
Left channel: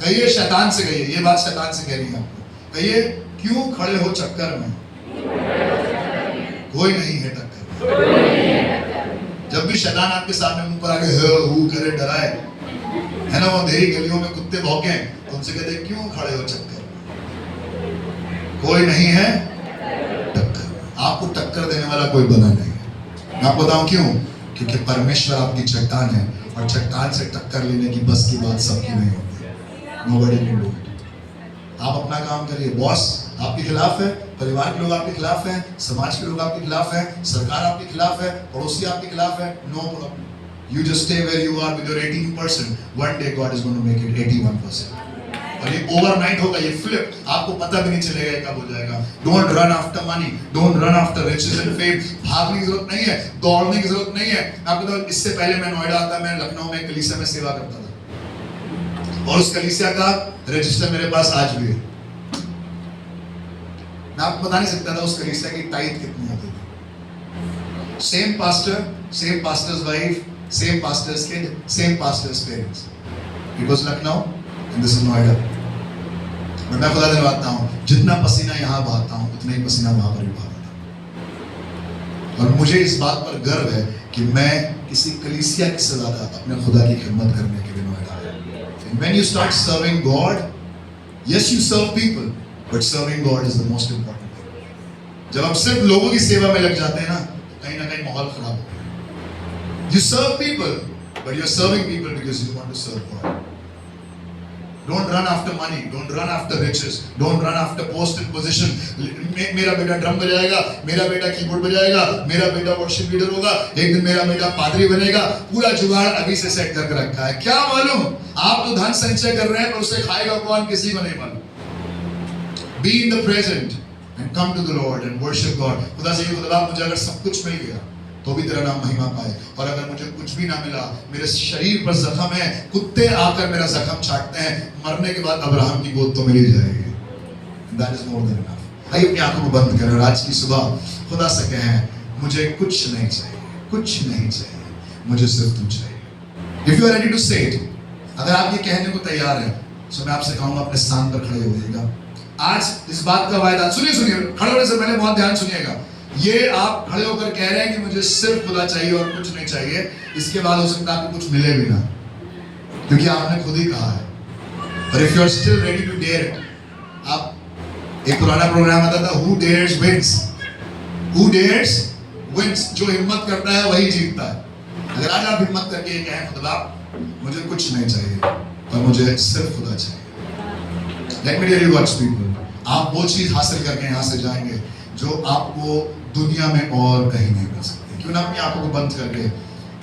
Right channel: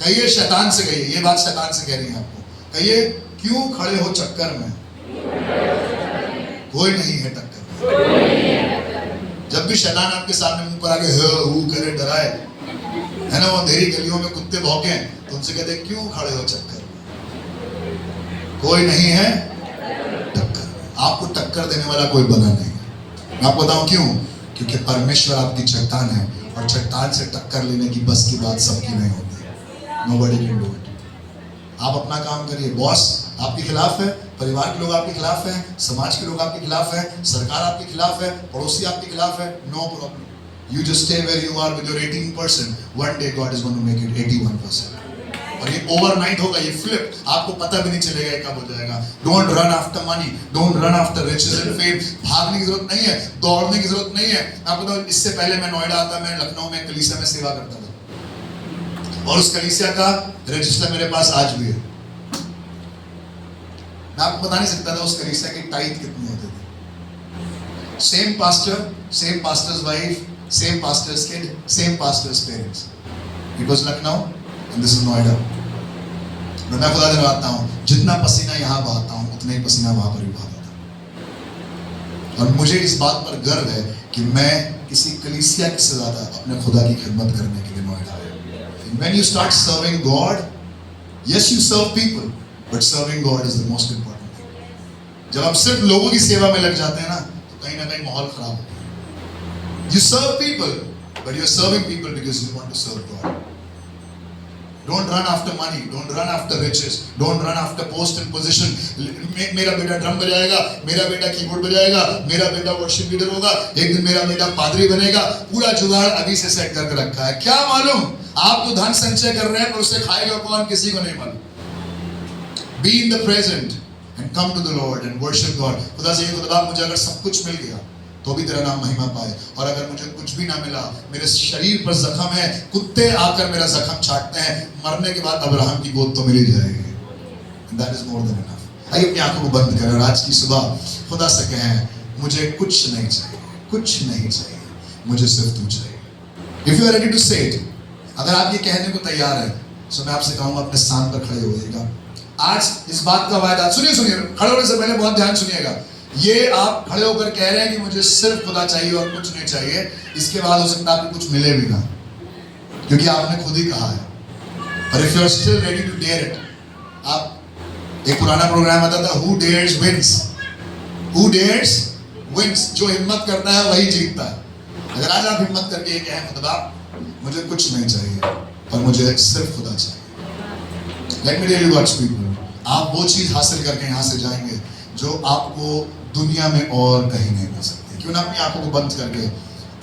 कहिए शैतान से, कहिए ये बात शैतान से कह रही है आपको। कहिए, क्यों खड़े हो चक्कर में? कोई नहीं है टक्कर। जब भी शैतान आपके सामने मुंह पर आके हू करे डराए, है ना, वो अंधेरी गलियों में कुत्ते भौंके, तो उनसे कहते क्यों खड़े हो चक्कर में? कोई नहीं है टक्कर। आपको टक्कर देने वाला कोई बना नहीं है। मैं आपको बताऊं क्यों? क्योंकि परमेश्वर आपकी चट्टान है और चट्टान से टक्कर लेने की बस की बात सबकी नहीं होती। Nobody can do it. आप अपना काम करिए। बॉस आपके खिलाफ है, परिवार के लोग आपके खिलाफ हैं, समाज के लोग आपके खिलाफ हैं, सरकार आपके खिलाफ है, पड़ोसी आपके खिलाफ है, no problem. You just stay where you are with your 18%. One day God is going to make it 81%. और ये ओवरनाइट होगा, ये फ्लिप, आपको पता भी नहीं चलेगा कब हो जाएगा। Don't run after money, don't run after riches and fame. भागने की जरूरत नहीं है, दौड़ने की जरूरत नहीं है। आपको तो इससे पहले मैं नोएडा आता, मैं लखनऊ में कलीसिया में सेवा करता था और उस कलीसिया का रजिस्टर मेरे पास आज भी है। मैं आपको बता नहीं सकता था उस कलीसिया की टाइट कितनी होती थी। Same pastor, same pastors wife, same pastors kid, same pastors parents. It was Lucknow and this is Noida. मैं खुदा दिलवाता हूँ, जितना पसीना यहाँ बहाता हूँ उतना ही पसीना वहां पर भी बहाता था। और मुझे इस बात पर गर्व है कि मैं किसी कलीसिया से ज्यादा अपने खुदा की खिदमत करने के लिए नोएडा आया। When you start serving God, yes you serve people, but serving God is the most important thing. जब आप सिर्फ लोगों की सेवा में लग जाते हैं ना, तो कहीं ना कहीं माहौल खराब होता है। You serve people, but you are serving people because you want to serve God. Don't run after money, don't run after riches, don't run after post and position. मेरा बेटा ड्रम बजाएगा, मेरा बेटा कीबोर्ड बजाएगा, मेरा बेटा वर्शिप लीडर होगा, एक दिन मेरा बेटा पादरी बनेगा। पूरा जुगाड़ अभी से सेट करके रखा है। क्या मालूम आप तो धन संचय कर रहे हैं पर उसे खाएगा कौन, किसी को नहीं मालूम। Be in the present and come to the Lord and worship God. खुदा से खुदा मुझे अगर सब कुछ मिल गया तो भी तेरा नाम महिमा पाए, और अगर मुझे कुछ भी ना मिला, मेरे शरीर पर जख्म है, कुत्ते आकर मेरा जख्म चाटते हैं, मरने के बाद अब्राहम की गोद तो मिल ही जाएगी। That is more than enough. आइए अपनी आंखों को बंद करें और आज की सुबह खुदा से कहें, मुझे कुछ नहीं चाहिए, कुछ नहीं चाहिए, मुझे सिर्फ तू चाहिए। If you are ready to say it, अगर आप ये कहने को तैयार हैं, तो मैं आपसे कहूँगा अपने स्थान पर खड़े होइएगा। आज इस बात का वायदा, सुनिए सुनिए, खड़े होने से पहले बहुत ध्यान सुनिएगा। ये आप खड़े होकर कह रहे हैं कि मुझे सिर्फ खुदा चाहिए और कुछ नहीं चाहिए, इसके बाद हो सकता है आपको कुछ मिले भी ना, क्योंकि आपने खुद ही कहा है। पर if you are still ready to dare it, आप एक पुराना प्रोग्राम आता था, who dares wins, who dares wins, जो हिम्मत करता है वही जीतता है। अगर आज आप हिम्मत करके ये कहें, खुदा मुझे कुछ नहीं चाहिए और मुझे सिर्फ खुदा चाहिए, let me tell you God's people, आप वो चीज हासिल करके यहाँ से जाएंगे जो आपको दुनिया में और कहीं नहीं मिल सकती। क्यों ना अपनी आंखों को बंद करके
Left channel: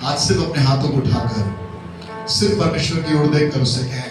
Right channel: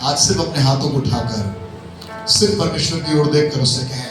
आज सिर्फ अपने हाथों को उठाकर सिर्फ परमेश्वर की ओर देखकर उससे कहें,